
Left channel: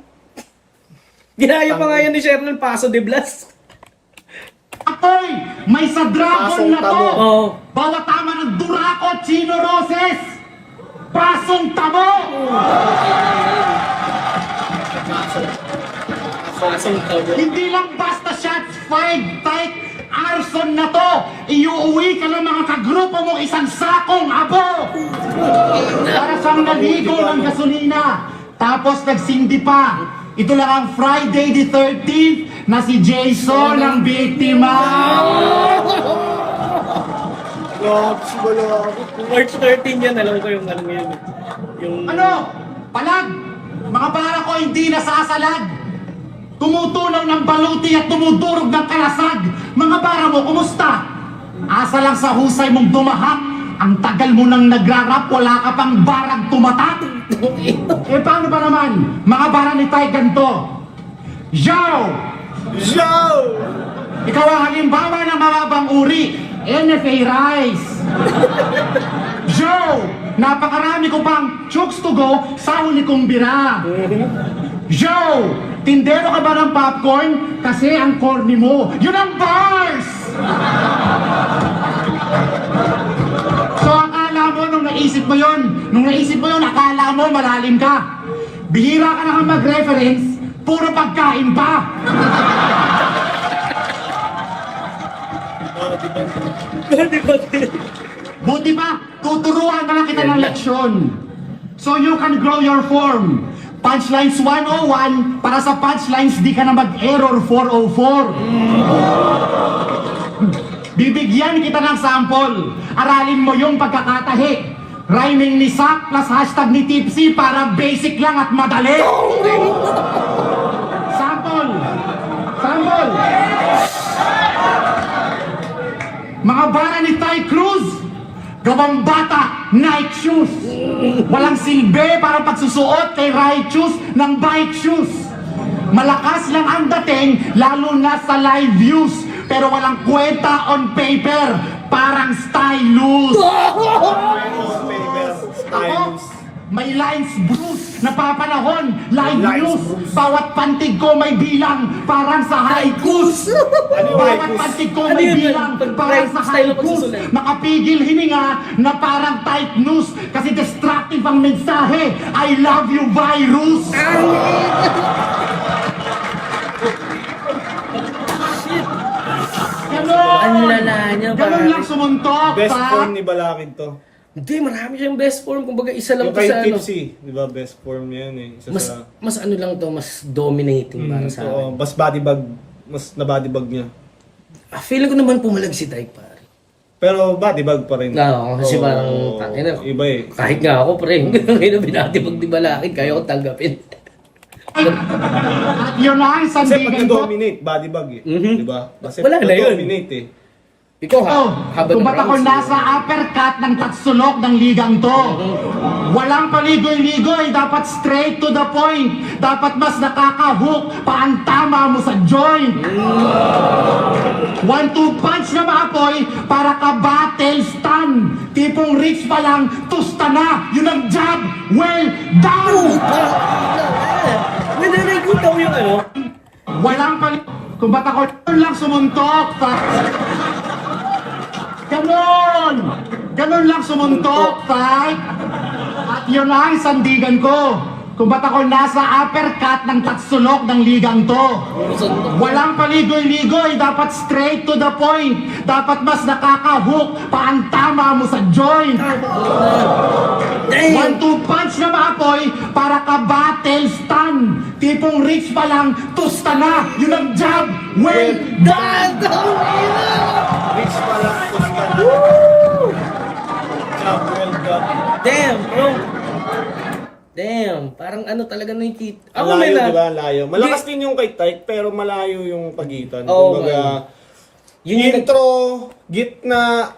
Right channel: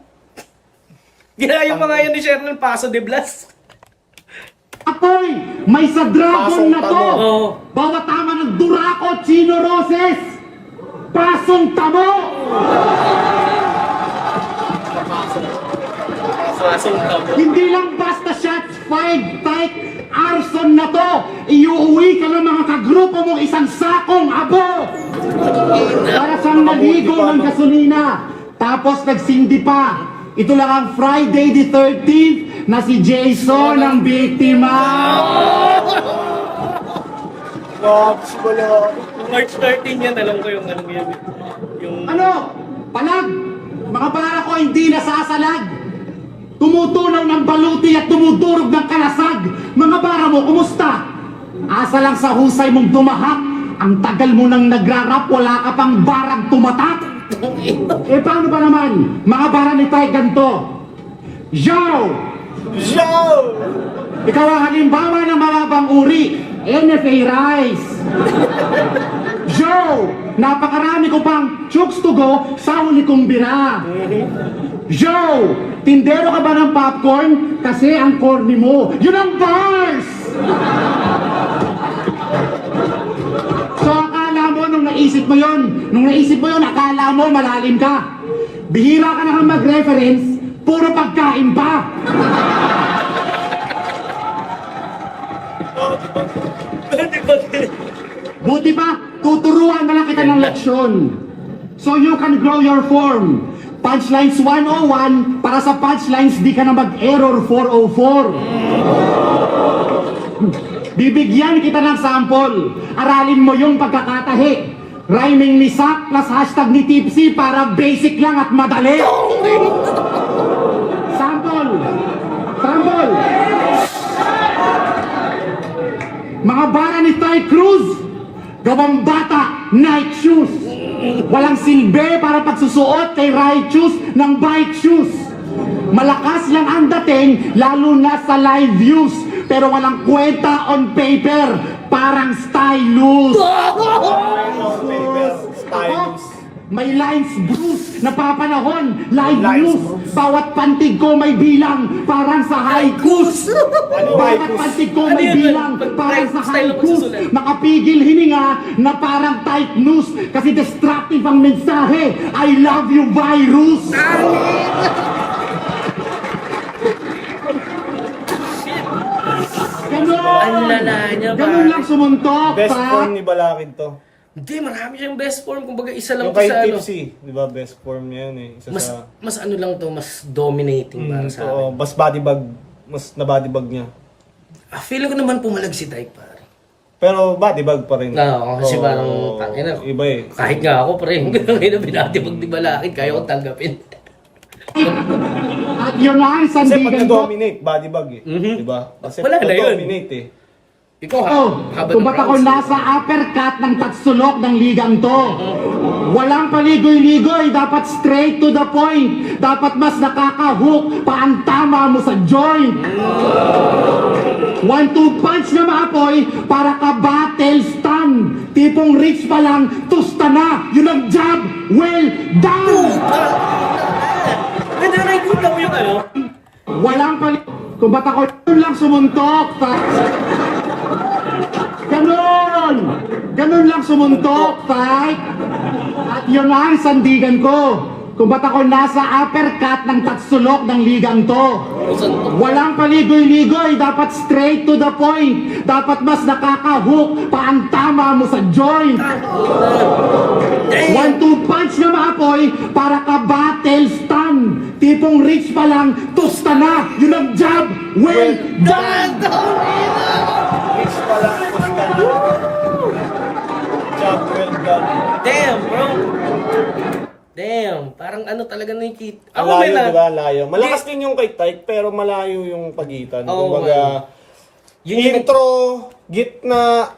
Ginayo pa nga yan ni Sherman Paso de Blas. Apoy, may sa dragon Pasong na to. tamo. Oo. Bawat tama ng Durako, Chino Roses. Pasong tamo. Pasong tabo. Hindi lang basta shots fired type arson na to. Iuuwi ka ng mga kagrupo mong isang sakong abo. Para siyang naligo ng gasolina. Tapos nagsindi pa. Ito lang ang Friday the 13th na si Jason ang biktima. March 13 yan, alam ko yung ano yun. Yung... Ano? Palag! Mga para ko hindi nasasalag. Tumutunaw ng baluti at tumudurog ng kalasag. Mga para mo, kumusta? Asa lang sa husay mong dumahak. Ang tagal mo nang nagrarap, wala ka pang barang tumatak. Eh paano pa naman? Mga bara ni Tay ganto. Joe! Ikaw ang halimbawa ng mga bang uri. NFA Rice. Joe! Napakarami ko pang chooks to go sa huli kong bira. Joe! Tindero ka ba ng popcorn? Kasi ang corny mo. Yun ang bars! So akala mo nung naisip mo yun, akala mo malalim ka. Bihira ka na mag-reference, puro pagkain pa. Buti pa, tuturuan ka lang kita ng leksyon. So you can grow your form. Punchlines 101, para sa punchlines di ka na mag-error 404. Bibigyan kita ng sample. Aralin mo yung pagkakatahi. Rhyming ni Sak plus hashtag ni Tipsy para basic lang at madali. Sample. Mga bara ni Ty Cruz, gawang bata, night shoes. Walang silbi para pagsusuot kay righteous ng bike shoes. Malakas lang ang dating, lalo na sa live views. Pero walang kwenta on paper, parang stylus. May lines bruise, napapanahon, live news. Bawat pantig ko may bilang, parang sa haikus. Bawat pantig ko may bilang, parang sa haikus. Makapigil hininga na parang tight news. Kasi destructive ang mensahe, I love you virus. Ang lala niya, Ganun lang sumuntok, Best pa. form ni Balakid to. Hindi, marami siyang best form. Kumbaga, isa lang Yung to kay sa ano. Tipsy, di ba, best form niya yan eh. Isa sa... Mas ano lang to, mas dominating para sa oo, akin. mas bodybag, mas na bodybag niya. Feeling ko naman pumalag si Dyke, pare. Pero bodybag pa rin. Oo, kasi Oo, parang, tangin na. Iba eh. Kahit nga ako, pre, ngayon na binatibag di Balakid, kaya ko tanggapin. At yun nga ang Kasi pag sandigan ko. nag-dominate, bodybag eh. Mhm. Di ba? Kasi Wala na yun. nag-dominate eh. Ikaw ha, Oh, habang kung ba't ako nasa uppercut ng tatsulok ng ligang to? Walang paligoy-ligoy, dapat straight to the point. Dapat mas nakaka-hook pa ang tama mo sa joint. 1-2 punch na maapoy para ka battle stun. Tipong reach pa lang, tusta na. Yun ang jab, well done. Ganda na nakikita mo yung ano. Walang kung ba't ako yun lang sumuntok. Ganon! Ganon lang sumuntok, tay. At yun nga ang sandigan ko. Kung ba't ako nasa uppercut ng tatsulok ng ligang to. Walang paligoy-ligoy, dapat straight to the point. Dapat mas nakaka-hook pa ang tama mo sa joint. 1-2 punch na maapoy para ka battle stun. Tipong reach pa lang, tusta na. Yun ang jab, well done. Reach pa lang. Job well done. Damn, bro. Damn, parang ano talaga nakikita. Ako Malayo, may na. diba? Layo. Malakas din yung kay Tyke, pero malayo yung pagitan. Oo, Kumbaga, Yun yung intro, gitna,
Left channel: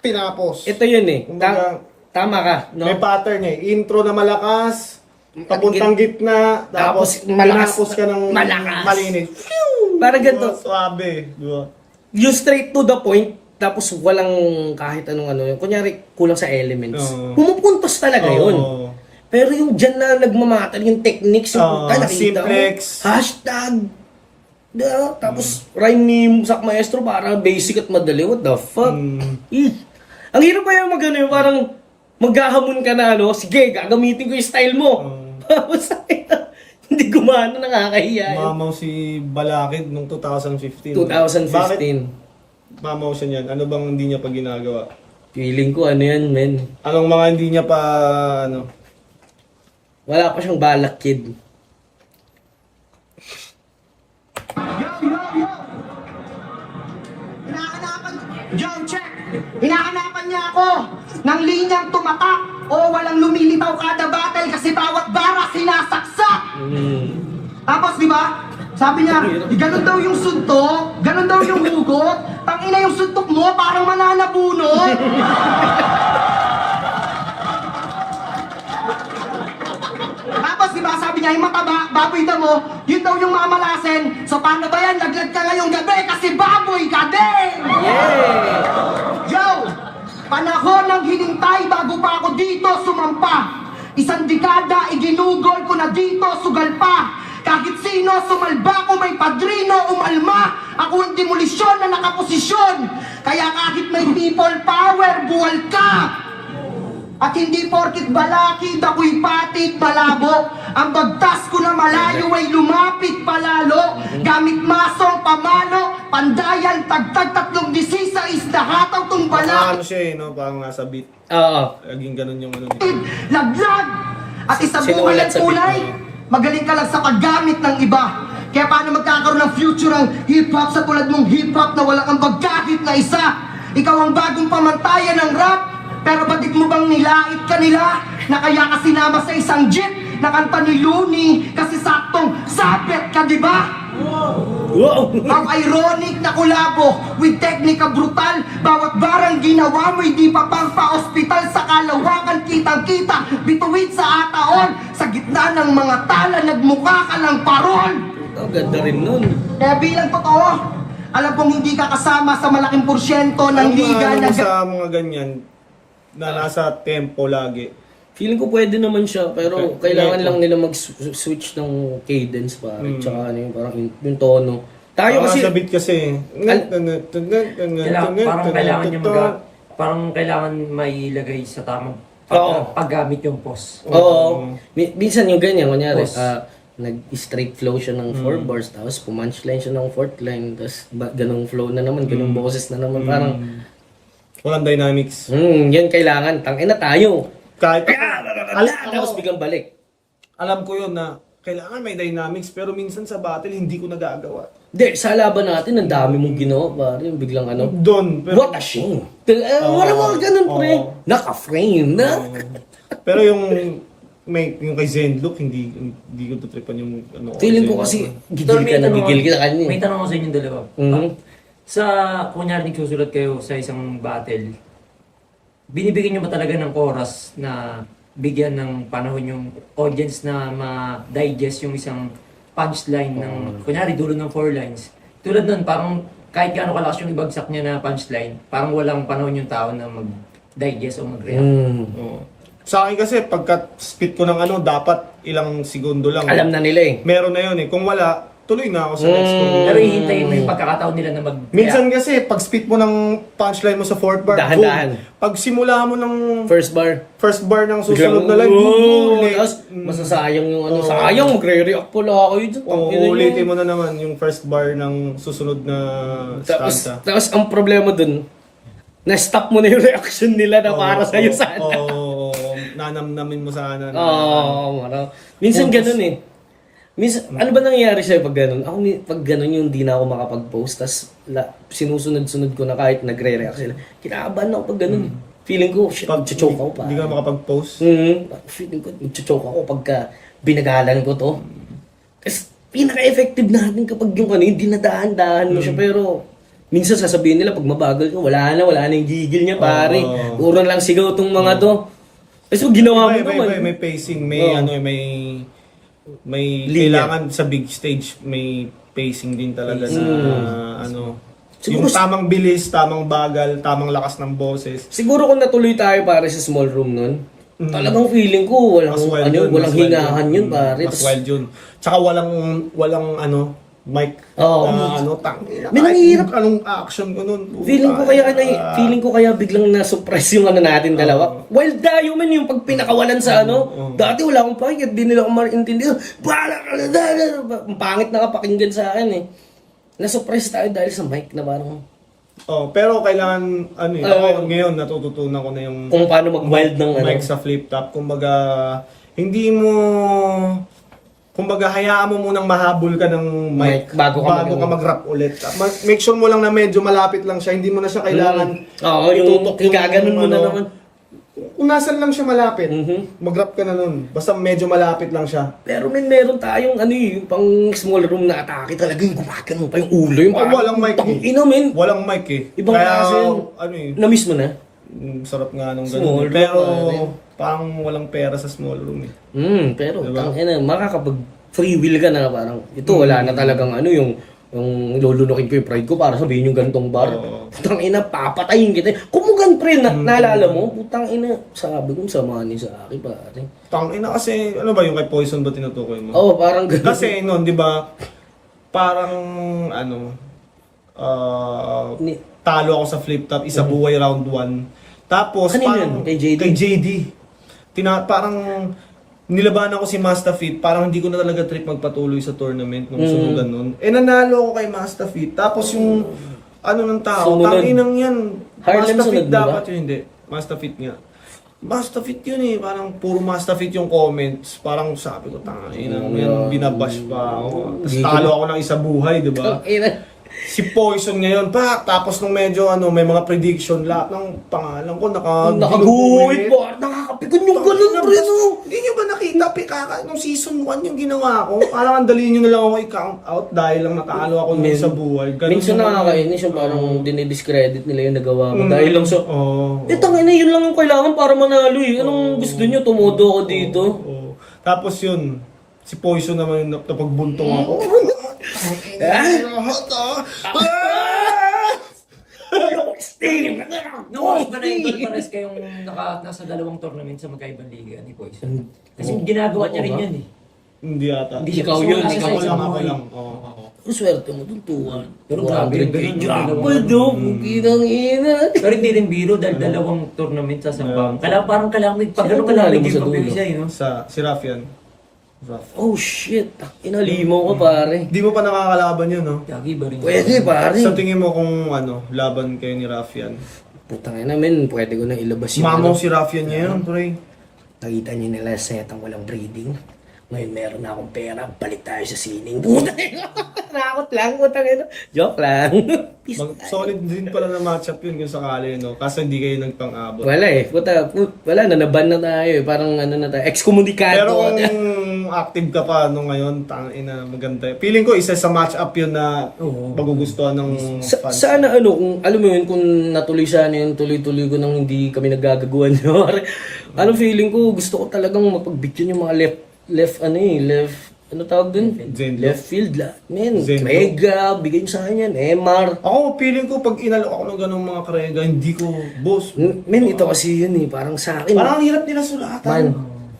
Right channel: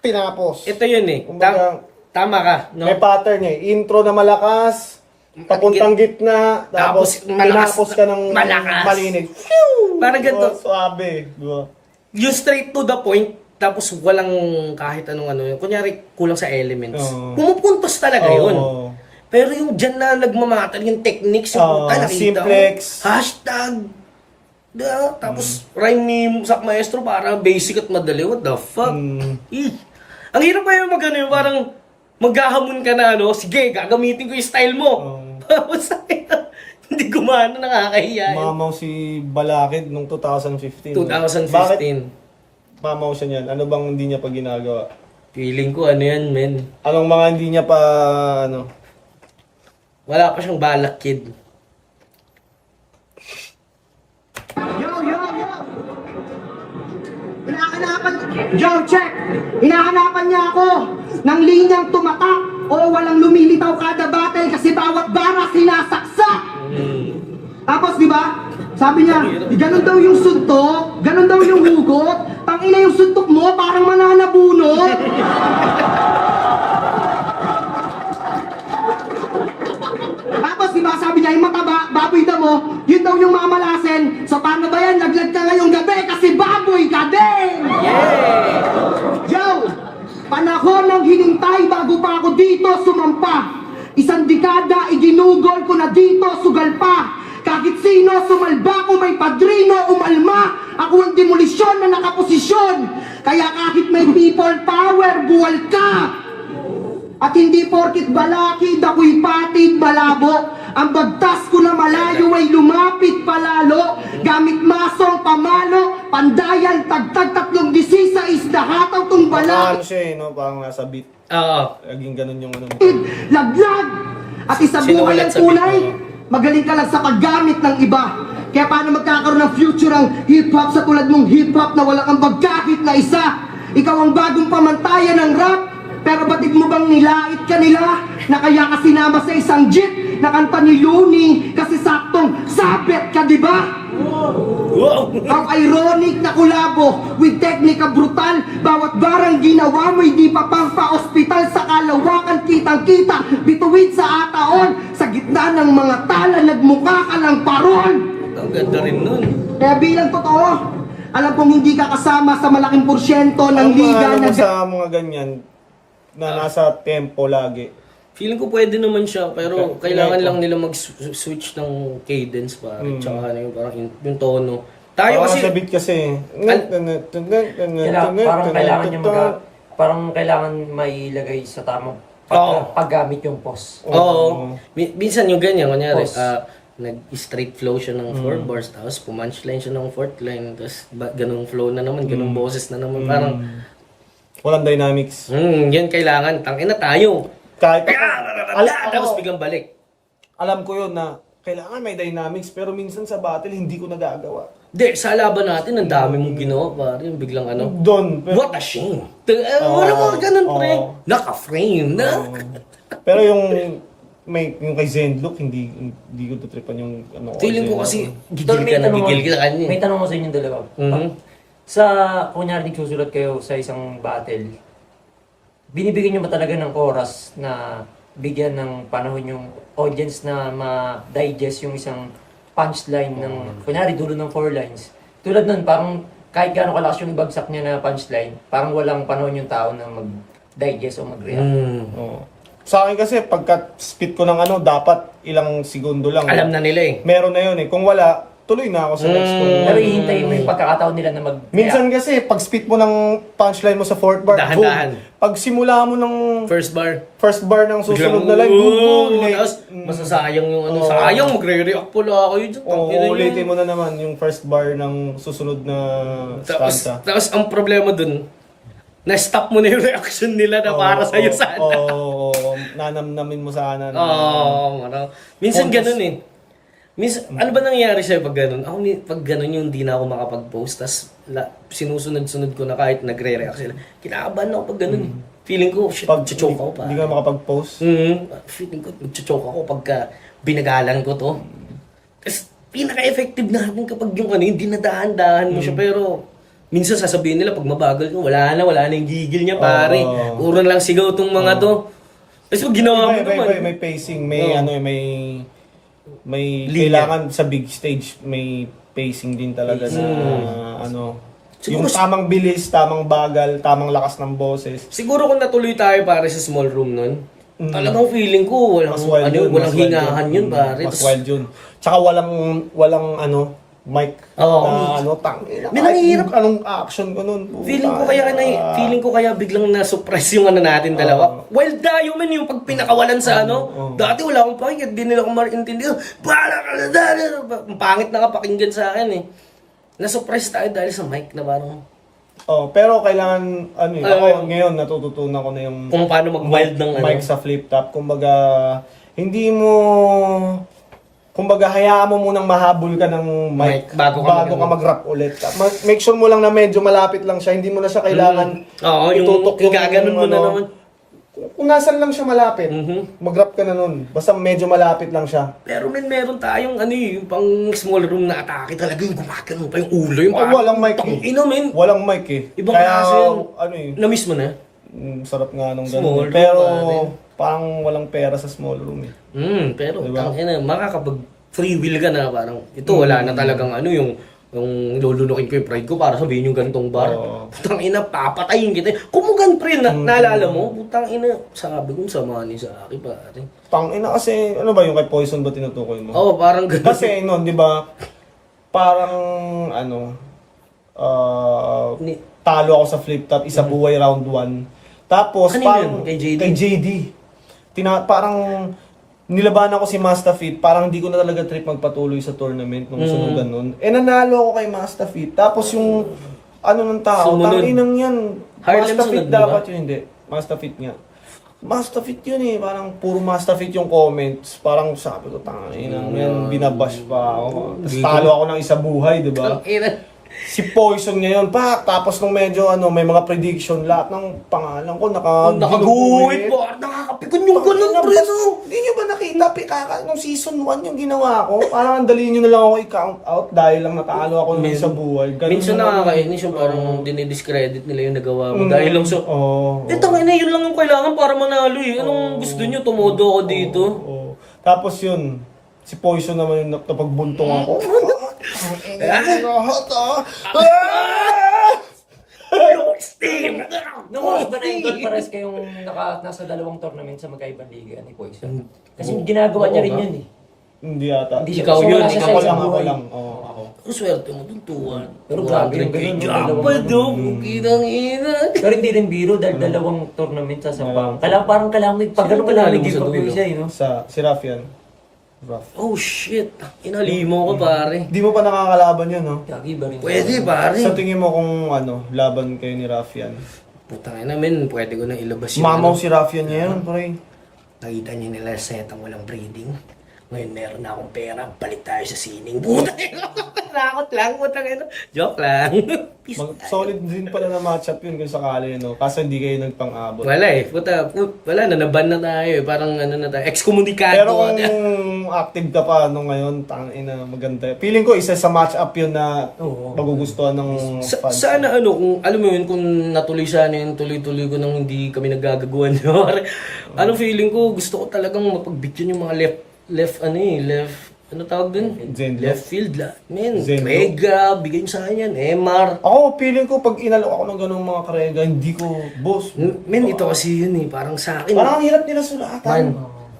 tinapos. Ito yun eh. Kumbaga, Tama ka, no? may pattern niya. Intro na malakas, papuntang gitna, tapos malakas- tinapos ka ng malakas. malinis. Parang ganito. Suabe. Diba? Yung straight to the point, tapos walang kahit anong ano yun. Kunyari, kulang sa elements. Oo. Pumupuntos talaga yun. Oo. Pero yung dyan na nagmamatter, yung techniques, yung nakita mo, simplex. hashtag, tapos rhyme ni Sak Maestro, parang basic at madali. What the fuck? Ang hirap pa yung mag-ano yung parang maghahamon ka na ano, sige, gagamitin ko yung style mo. Tapos hindi gumana, nakakahiya yun. Mamaw si Balakid nung 2015. 2015. Bakit mamaw siya niyan? Ano bang hindi niya pa ginagawa? Feeling ko ano yan, men. Anong mga hindi niya pa, ano? Wala pa siyang balak, kid. Yo! Hinahanapan... Yo, check! Hinahanapan niya ako ng linyang tumatak o walang lumilitaw kada battle kasi bawat bara sinasaksak! Tapos, di ba? Sabi niya, ganun daw yung suntok, ganun daw yung hugot, tangina yung suntok mo, parang mananabunot. Tapos, di ba, sabi niya, yung mga baboy na mo, yun daw yung mamalasin. So, paano ba yan? Naglag ka ngayong gabi kasi baboy ka din! Yo! Panahon ng hinintay bago pa ako dito sumampa. Isang dekada, iginugol ko na dito, sugal pa. Kahit sino, sumalba ko, may padrino, umalma. Ako ang demolisyon na nakaposisyon. Kaya kahit may people power, buwal ka. At hindi porkit Balakid, ako'y patid, malabo. Ang bagtas ko na malayo ay lumapit palalo. Gamit masong pamalo, pandayan, tagtag, 316, nahataw tong Parang Balakid. siya eh, no? Parang nasa beat. Oo. Laging ganun yung ano. Laglag! At isang Sinulat buhay ang sa tunay, beat magaling ka lang sa paggamit ng iba. Kaya paano magkakaroon ng future ang hip-hop sa tulad mong hip-hop na walang ambag kahit na isa? Ikaw ang bagong pamantayan ng rap, pero batik mo bang nilait ka nila? Na kaya ka sinama sa isang jeep na kanta ni Looney kasi saktong sapet ka, di ba? Wow! Ang ironic na kolabo with teknika brutal. Bawat barang ginawa mo, hindi pa pang pa-ospital. Sa kalawakan, kitang-kita, bituin sa ataon. Sa gitna ng mga tala, nagmukha ka ng paron. Ang ganda rin nun. Kaya bilang totoo, alam kong hindi ka kasama sa malaking porsyento ng Ang liga mga na... sa mga ganyan, na nasa tempo lagi. Feeling ko pwede naman siya, pero Okay. kailangan lang nila mag-switch ng cadence pare. Tsaka ano yung parang yung tono. Tayo kasi... Sa beat kasi. Parang kailangan niya parang kailangan mailagay sa tamang Oo. paggamit yung pause. Oo. Minsan yung ganyan, kunyari, Pause. nag-straight flow siya ng 4 bars, tapos pumunchline siya ng 4th line, tapos ganong flow na naman, ganong boses na naman, parang Walang dynamics. Yan kailangan. Tangina tayo. Kahit Tapos biglang balik. alam ko yun na kailangan may dynamics, pero minsan sa battle hindi ko nagagawa. Hindi, sa laban natin, ang dami mong ginawa, pare. Yung biglang ano. Doon. What a shame. Wala mga ganun, pre. Naka-frame na. Pero yung kay Zenlook, hindi ko tutripan yung ano. Feeling ko kasi gigil ka na kanya. May tanong ko sa inyong dalawa. Mhm. Sa, kunyari susulat kayo sa isang battle, binibigyan nyo ba talaga ng oras na bigyan ng panahon yung audience na ma-digest yung isang punchline ng, kunyari dulo ng 4 lines. Tulad nun, parang kahit gaano kalakas yung ibagsak niya na punchline, parang walang panahon yung tao na mag-digest o mag-react. Oo. Sa akin kasi, pagka spit ko ng ano, dapat ilang segundo lang. Alam na nila eh. Meron na yun eh. Kung wala, tuloy na ako sa next ko. Pero hihintayin mo yung pagkakataon nila na mag-react. Minsan kasi, pag spit mo ng punchline mo sa fourth bar, Dahan-dahan. boom. Pag simula mo ng First bar. first bar ng susunod Biglang, na line, boom, boom, Tapos, masasayang yung ano. Sayang, magre-react pala ako yun. ulitin mo na naman yung first bar ng susunod na stanza. Tapos, ang problema dun, na-stop mo na yung reaction nila na para sa'yo sana. Oo, nanamnamin mo sana. Oo, ano. Minsan ganun eh. Minsan, ano ba nangyayari sa'yo pag ganun? Ako, pag ganun yung di na ako makapag-post, tas sinusunod-sunod ko na kahit nagre-react sila. Kinakabahan ako pag ganun eh. Feeling ko, shit, choke ako pa. Hindi ka makapag-post. Feeling ko, choke ako pagka binagalan ko to. Kasi pinaka-effective natin kapag yung ano, yung dinadaan-dahan mo siya. Pero, minsan sasabihin nila, pag mabagal ko, wala na yung gigil niya, pare. Puro lang sigaw tong mga to. Kasi pag ginawa mo naman. May pacing, may Linya. kailangan sa big stage, may pacing din talaga na ano. Siguro Yung tamang bilis, tamang bagal, tamang lakas ng boses. Siguro kung natuloy tayo pare sa small room nun, talagang feeling ko walang, Mas wild ano, yun, walang mas wild hingahan yun, pare. Mas wild yun. Tsaka walang mic. Oo. May nanghihirap. Anong action ko nun? Feeling ko kaya biglang na-suppress yung ano natin dalawa. Wild tayo man yung pag pinakawalan sa ano. Dati wala akong pakinggan, di nila ako maintindihan. Ang pangit na kapakinggan sa akin eh. Na-suppress tayo dahil sa mic na parang Pero kailangan, ako ngayon natututunan ko na yung kung paano mag-wild ng ano. mic sa flip top. Kumbaga, hindi mo... Kumbaga, hayaan mo munang mahabol ka ng mic Bago ka mag-rap ulit. Make sure mo lang na medyo malapit lang siya. Hindi mo na siya kailangan Oo, yung gaganon mo na naman. Kung nasan lang siya malapit, mag-rap ka na nun. Basta medyo malapit lang siya. Pero meron tayong ano yung pang small room na atake talaga yung gumagano pa yung ulo. Yung parang, Walang mic eh. Ino, men. Walang mic eh. Ibang klase yun. Na-miss mo na? Sarap nga nung Small ganun. room Pero natin. parang walang pera sa small room eh. Pero tangina, makakapag free will ka na parang ito wala na talagang ano yung lulunukin ko yung pride ko para sabihin yung gantong bar. Putang ina, papatayin kita. Kumugan pre, naalala mo? Putang ina, sabi ko sa money sa akin pare. Tangina kasi, ano ba yung kay Poison ba tinutukoy mo? Oo, parang ganun. Kasi noon, di ba, parang talo ako sa flip top, isa buhay round 1. Tapos Kanino parang yun? Kay JD? Kay JD. Parang nilaban ako si Mastafit, parang hindi ko na talaga trip magpatuloy sa tournament nung sunugan nun. Nanalo ako kay Mastafit. Tapos yung ng tao, Sumunod. tanginang yan. Harlem Mastafit sunod mo ba? dapat yun, hindi. Mastafit nga. Mastafit yun eh, parang puro Mastafit yung comments. Parang sabi ko, tanginang yan, binabash pa ako. Tapos talo ako ng isa buhay, di ba? Tangina. Si Poison ngayon pa, tapos nung medyo may mga prediction, lahat ng pangalan ko Nakaguhit ko. Nakakapikon yung ganun pre. No? Hindi nyo ba nakita, Pikaka, nung season 1 yung ginawa ko? Parang ang dali nyo na lang ako i-count out dahil lang natalo ako nung sa buhay. Ganun Minsan naman. nakakainis yung parang dinidiscredit nila yung nagawa mo. Dahil lang sa... Oo. Tangina, yun lang ang kailangan para manalo eh. Anong gusto nyo? Tumodo ako dito. Oo. Tapos yun, si Poison naman yung napagbunto ako. Nung oras ba na idol pares kayong nasa dalawang tournament sa magkaibang liga ni Poison? Kasi ginagawa niya rin yun eh. Hindi ata. Hindi siya Ikaw kasi yun, wala siya sa Ako isang lang, ako buhay. lang. Oo, ako. Ang swerte mo dun, tuwan. Pero grabe yung ganun, yung dalawang Gaba ano. daw, bukinang ina. Pero hindi rin biro dahil dalawang tournament sa Sampang. Kailangan pag Sino ano kailangan panalo mo naging sa papel dulo? siya, no? Si Raf yan. Raf. Oh shit, inalimaw ka pare. Di mo pa nakakalaban yun, no? Gagi ba rin? Pwede pare. Sa tingin mo kung laban kayo ni Raf yan? Putang ina, men, pwede ko na ilabas yung Mamaw ano. si Raffian niya yan, pre. Nakita niyo nila set ang walang breeding. Ngayon meron na akong pera, balik tayo sa sining. Putang ina, nakakot lang, putang ina. Joke lang. Peace. Solid din pala na matchup yun kung sakali, no? Kaso hindi kayo nagpang-abot. Wala eh, wala na, naban na tayo eh. Parang ano na tayo, excommunicado. Pero kung active ka pa no ngayon, tangina maganda. Feeling ko isa sa match-up yun na magugustuhan ng fans. Sana ano, kung alam mo yun, kung natuloy sana yun, tuloy-tuloy ko nang hindi kami naggagaguan. Ano feeling ko, gusto ko talagang mapagbigyan yung mga left ano tawag dun? Zenlo. Left field la. Men, Zenlo. Krega, bigay nyo sa akin yan, Emar. Ako, feeling ko pag inalok ako ng ganung mga karega, hindi ko, boss. Men, ito kasi yun eh, parang sa akin. Parang ang hirap nila sulatan. Man,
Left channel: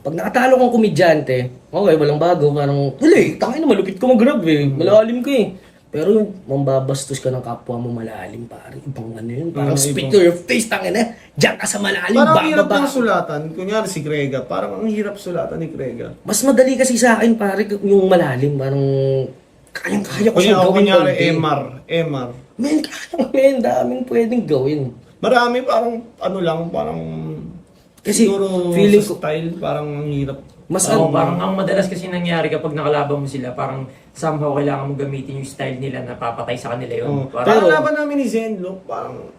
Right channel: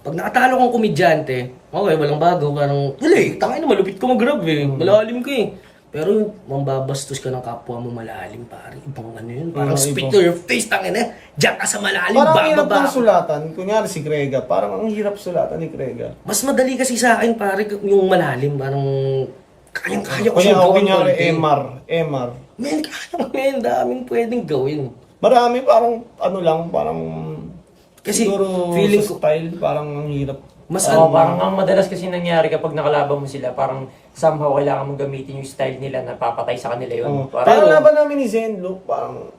pag nakatalo kang komedyante, okay, walang bago, parang, wala eh, tangin na malupit ko mag-grab eh, malalim ka eh. Pero yung mambabastos ka ng kapwa mo malalim, pare, ibang ano yun, parang spit to your face, tangin na, diyan ka sa malalim, Parang ang hirap bababa. ng sulatan. Kunyari si Krega, parang ang hirap sulatan ni Krega. Mas madali kasi sa akin, pare, yung malalim, parang, kayang-kaya ko siyang gawin Kunyari, konti. MR. Men, kaya daming pwedeng gawin. Marami parang, ano lang, parang, Kasi, siguro feeling sa ko, style, parang ang hirap. mas Oo, parang ang madalas kasi nangyari kapag nakalaban mo sila, parang somehow kailangan mo gamitin yung style nila na papatay sa kanila yun. Oh. Parang, Parang Pero- laban namin ni Zenlo, parang,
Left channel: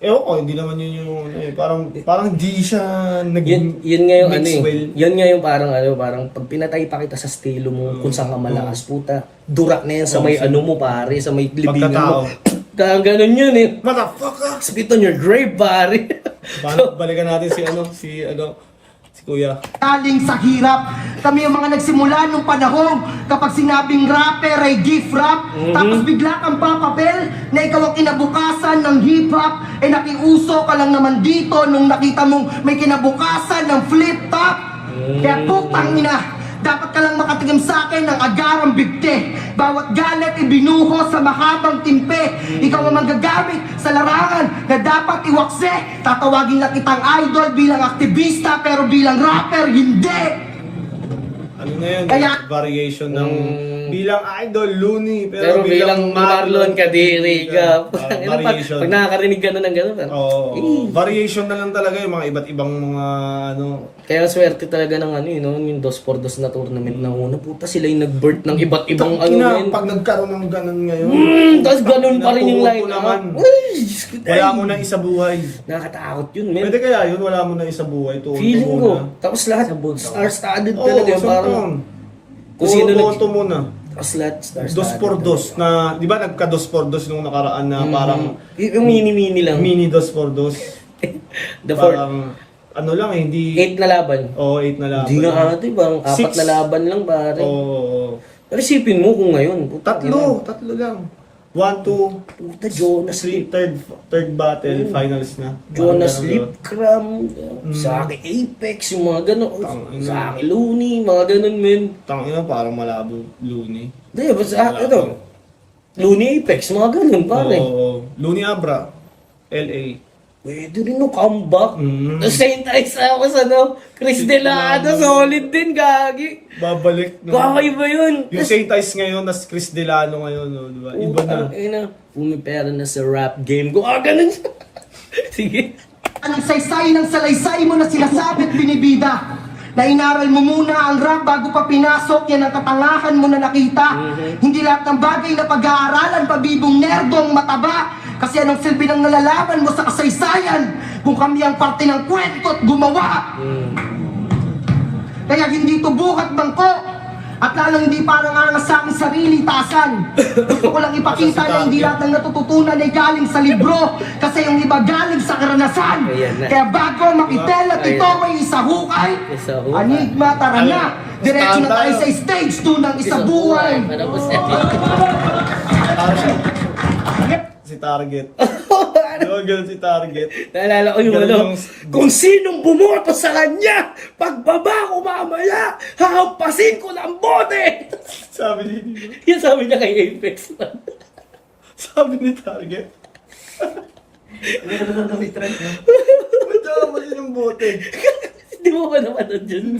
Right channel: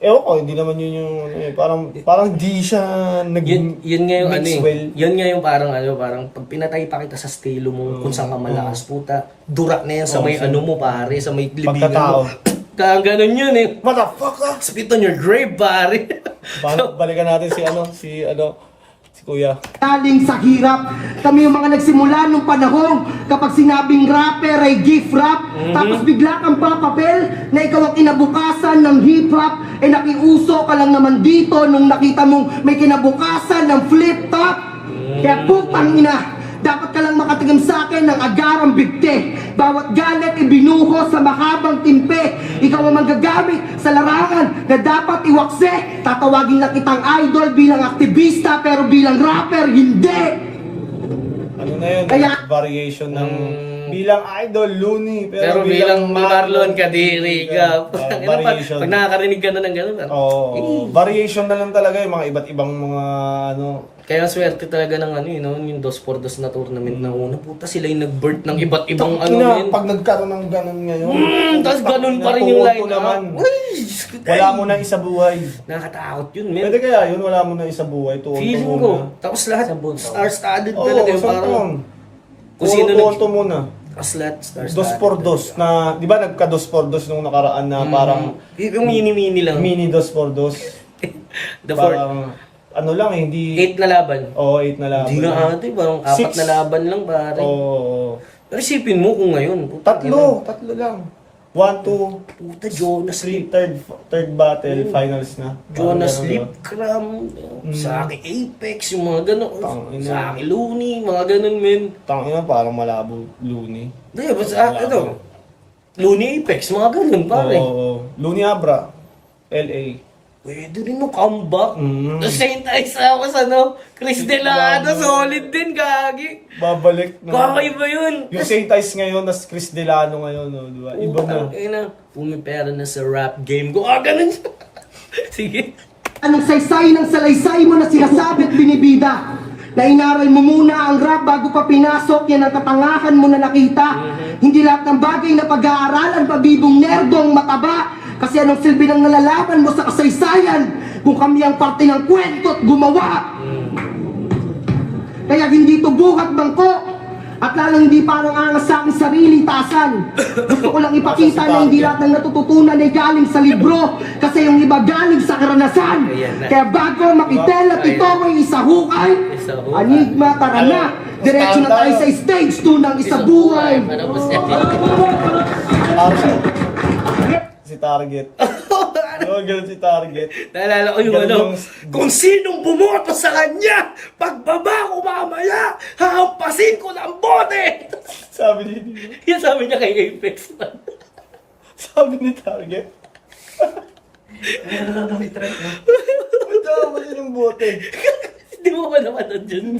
ewan ko, hindi naman yun yung, parang di siya yun nga yung ano mix eh. well. Yun nga yung parang pag pinatay pa kita sa estilo mo, kung saan ka malakas, puta, dura na yan sa may ano mo pare, sa may libingan mo. Pagkatao. Ganun yun eh. Motherfucker! Spit on your grave, pare. Paano, balikan natin si Kuya. Galing sa hirap. Kami yung mga nagsimula nung panahon kapag sinabing rapper ay gift rap. Tapos bigla kang papapel na ikaw ang kinabukasan ng hip hop. Eh nakiuso ka lang naman dito nung nakita mong may kinabukasan ng flip top. Kaya putang ina, dapat ka lang makatingin sa akin ng agarang bigte. Bawat galit ibinuho sa mahabang timpe. Ikaw ang magagamit sa larangan na dapat iwakse. Tatawagin lang kitang idol bilang aktivista, pero bilang rapper, hindi. Ano na yun? Kaya- Variation ng bilang idol, Looney. Pero bilang Marlon Kadiri ka. Variation. Pag nakakarinig ka na ng gano'n, Variation na lang talaga yung mga iba't ibang mga ano. kaya swerte talaga ng ano yun, no? Yung 2x2 na tournament na una, puta sila yung nag-birth ng iba't ibang ano na, yun. pag nagkaroon ng ganun ngayon. Tapos ganun pa rin yung line. naman. Uy, Wala mo na isa buhay. nakakatakot yun, men. Pwede kaya yun, wala mo na isa buhay. Feeling ko. Tapos lahat star-studded talaga. Parang kung sino Tuto muna. Tapos lahat star-studded. Dos por dos na, di ba nagka dos por dos nung nakaraan na parang Yung mini-mini lang. mini dos por dos. The fourth. Parang, ano lang eh, hindi... 8 na laban. 8 na laban. Hindi na ate, parang 4 Six. na laban lang pare. Oo. Pero isipin mo kung ngayon. puta, Tatlo lang. 1, 2, Puta, Jonas Lip. third battle, finals na. Jonas Parang Lip, Cram. Sa akin Apex, yung mga gano'n. Tangina. Sa akin Looney, mga gano'n, men. Tangina, parang malabo, Looney. Hindi, basta ano. Looney Apex, mga gano'n, pare. Oo. Looney Abra, LA. Pwede rin nung comeback. Mm. Saint Ice ako sa ano, Chris Delano, solid din, gagi. Babalik na. Kakaiba yun. Yung St. Ice ngayon, nas Chris Delano ngayon, no, di ba? Iba na. Pumipera na sa rap game ko. Ganun siya. Sige. Anong saysay ng salaysay mo na sinasabi at binibida? Na inaral mo muna ang rap bago pa pinasok, yan ang katangahan mo na nakita. Hindi lahat ng bagay na pag-aaralan, pabibong nerdong mataba. Kasi anong silbi ng nalalaban mo sa kasaysayan kung kami ang parte ng kwento at gumawa? Kaya hindi to buhat bangko at lalong hindi parang angas sa aking sarili tasan. Gusto ko lang ipakita na hindi lahat ng natututunan ay galing sa libro kasi yung iba galing sa karanasan. Ayan na. Kaya bago makitel at ito ay isahukay, Isahukay. Anigma, tara na. Diretso na tayo sa stage 2 ng isabuhay. Para po siya. Si Target. Yung ganun si Target. Naalala ko yung ano, kung sinong bumoto sa kanya, pagbaba ko mamaya, hahampasin ko ng bote! Sabi ni Yan sabi niya kay Apex. Target. ano lang kami try na? Ba't ako ba yun ng bote? Hindi mo ba naman dyan?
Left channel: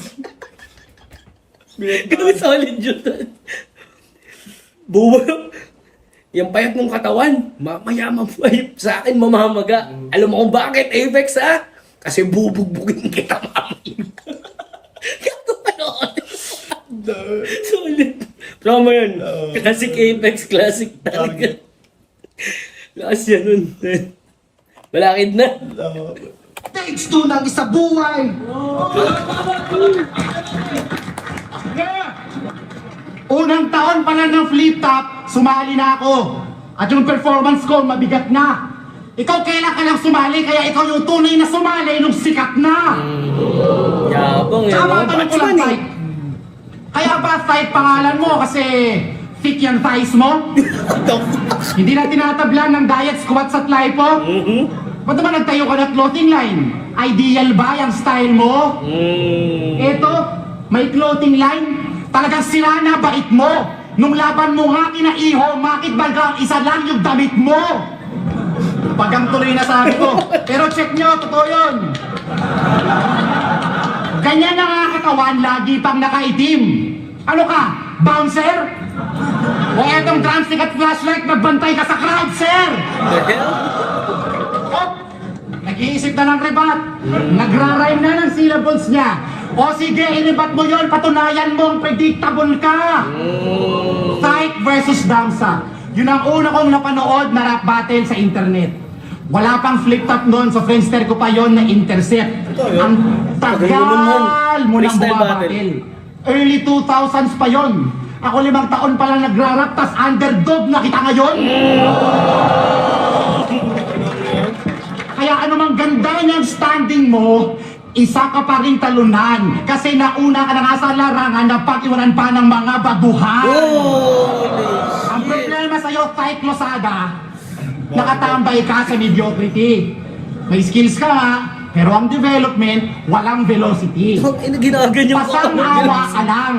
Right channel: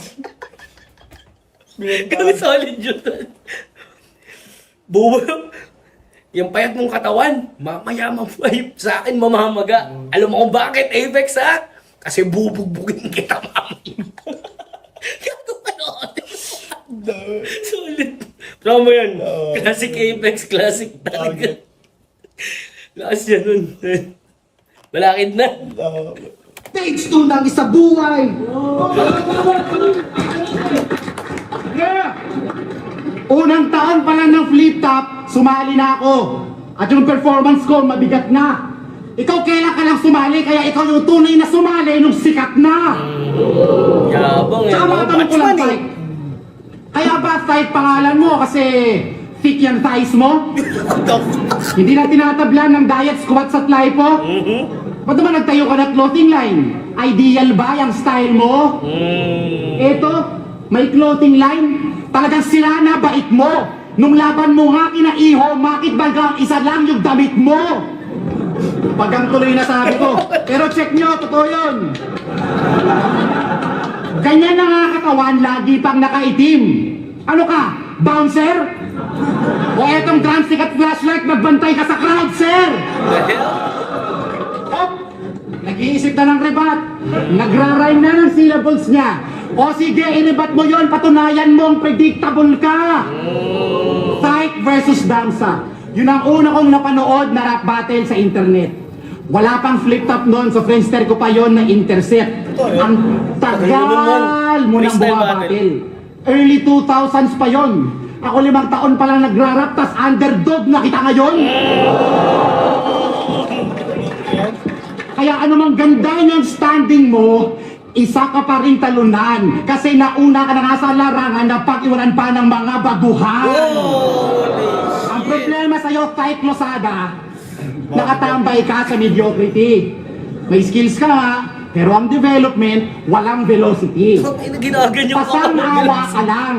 Gawin solid yun. Buwa. yung payat mong katawan, mayaman po ay sa akin mamamaga. Alam mo kung bakit, Apex ha? Kasi bubugbugin kita, mami. Kato panood. Solid. Promo yun. Classic Apex, classic talaga. Lakas yan nun. Malakid na. Stage 2 ng isa buhay. Unang taon pa lang ng flip top, sumali na ako. At yung performance ko, mabigat na. Ikaw kailan ka lang sumali, kaya ikaw yung tunay na sumali nung sikat na. Yabang yan. Tama, Mga tanong ko lang, batchman eh. Type. Kaya ba type pangalan mo kasi thick yung thighs mo? Hindi na tinatablan ng diet squats at lipo? Ba't naman nagtayo ka ng clothing line? Ideal ba yung style mo? Ito, may clothing line. Talagang sila na bait mo. Nung laban mo nga kinaiho, bakit bagang isa lang yung damit mo? Pagang tuloy na sabi ko. Pero check nyo, totoo yun. Ganyan na nga katawan, lagi pang nakaitim. Ano ka? Bouncer? O etong drumstick at flashlight, nagbantay ka sa crowd, sir! Oh, nag-iisip na ng rebat. Nagra-rhyme na ng syllables niya. O sige, inibat mo yon, patunayan mong predictable ka. Sight versus dansa. Yun ang una kong napanood na rap battle sa internet. Wala pang flip top noon, so Friendster ko pa yon na intercept. Ang tagal mo nang Freestyle bumabattle. Early 2000s pa yon. Ako 5 taon pa lang nagra-rap, tas underdog na kita ngayon. Kaya anumang ganda niyang standing mo, isa ka pa rin talunan. Kasi nauna ka na nga sa larangan na pag-iwanan pa ng mga baguhan. Ang problema sa'yo, kahit Losada, nakatambay ka sa mediocrity. May skills ka nga, pero ang development, walang velocity. Ginaganyan ko. Pasang-awa ka lang.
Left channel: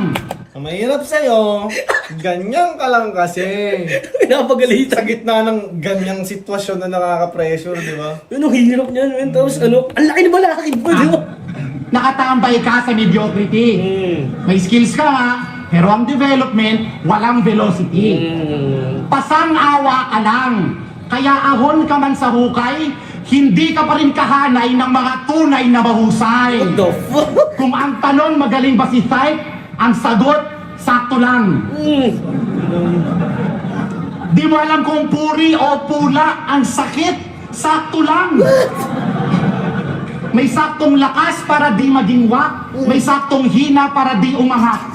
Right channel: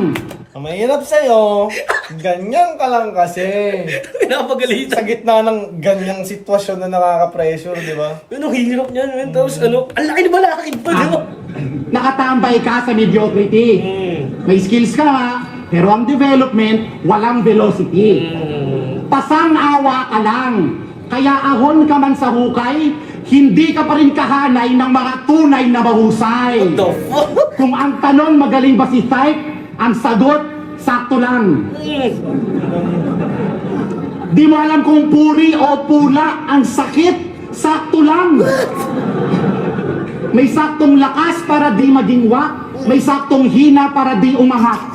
Ang mahirap sa'yo, ganyan ka lang kasi. Pinapagalitan. Sa gitna ng ganyang sitwasyon na nakaka-pressure, di ba? Ano, hirap niyan, man. Tapos ano, ang laki na balakid pa, di ba? Nakatambay ka sa mediocrity. May skills ka nga, pero ang development, walang velocity. Pasang-awa ka lang. Kaya ahon ka man sa hukay, hindi ka pa rin kahanay ng mga tunay na mahusay. What the fuck? Kung ang tanong magaling ba si Type, ang sagot, sakto lang. Di mo alam kung puri o pula, ang sakit, sakto lang. May saktong lakas para di maging wak, may saktong hina para di umahak.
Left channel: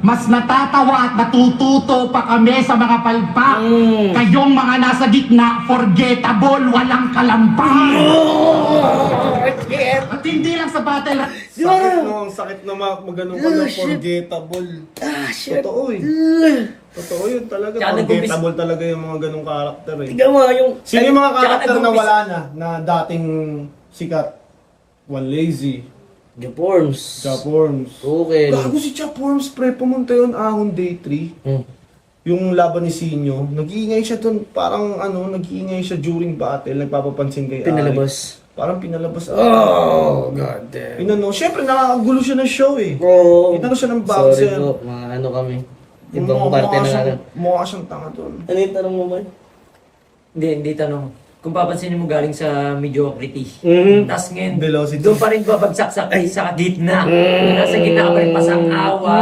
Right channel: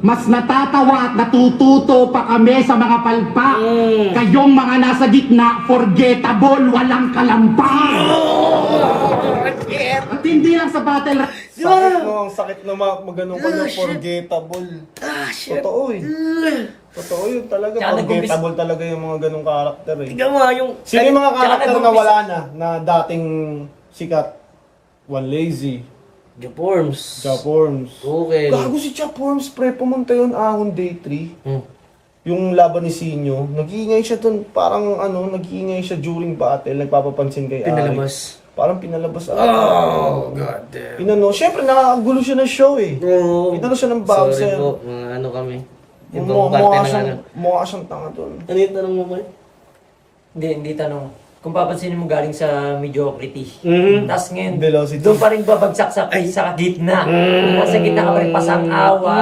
Mas natatawa at natututo pa kami sa mga palpak. Kayong mga nasa gitna, forgettable, walang kalampak. At hindi lang sa battle. Sakit no, maganong ka ng forgettable. Shit. Totoo eh. Totoo yun talaga. Tsaka Forgettable talaga yung mga ganong karakter eh. Tingnan mo, yung... Sino yung mga Tsaka karakter na nag-umpisa- wala na dating sikat? One Lazy, Gaporms. Japorms. Okay. Gago si Japorms, pre, pumunta yun ahon day 3. Yung laban ni Sinyo, nag-iingay siya dun, parang nag-iingay siya during battle, nagpapapansin kay Alex. Pinalabas. Parang pinalabas. Oh, god damn. Siyempre nakakagulo siya ng show eh. Oh, Inano siya ng sorry bouncer. po, mga ano kami. Ibang parte ng ano. Mukha siyang tanga dun. Ano yung tanong mo, man? Hindi tanong. Kung papansinin mo galing sa mediocrity. Mhm. Tapos ngayon, Velocity. doon pa rin babagsak sa gitna. Nasa gitna ka pa rin pasang-awa.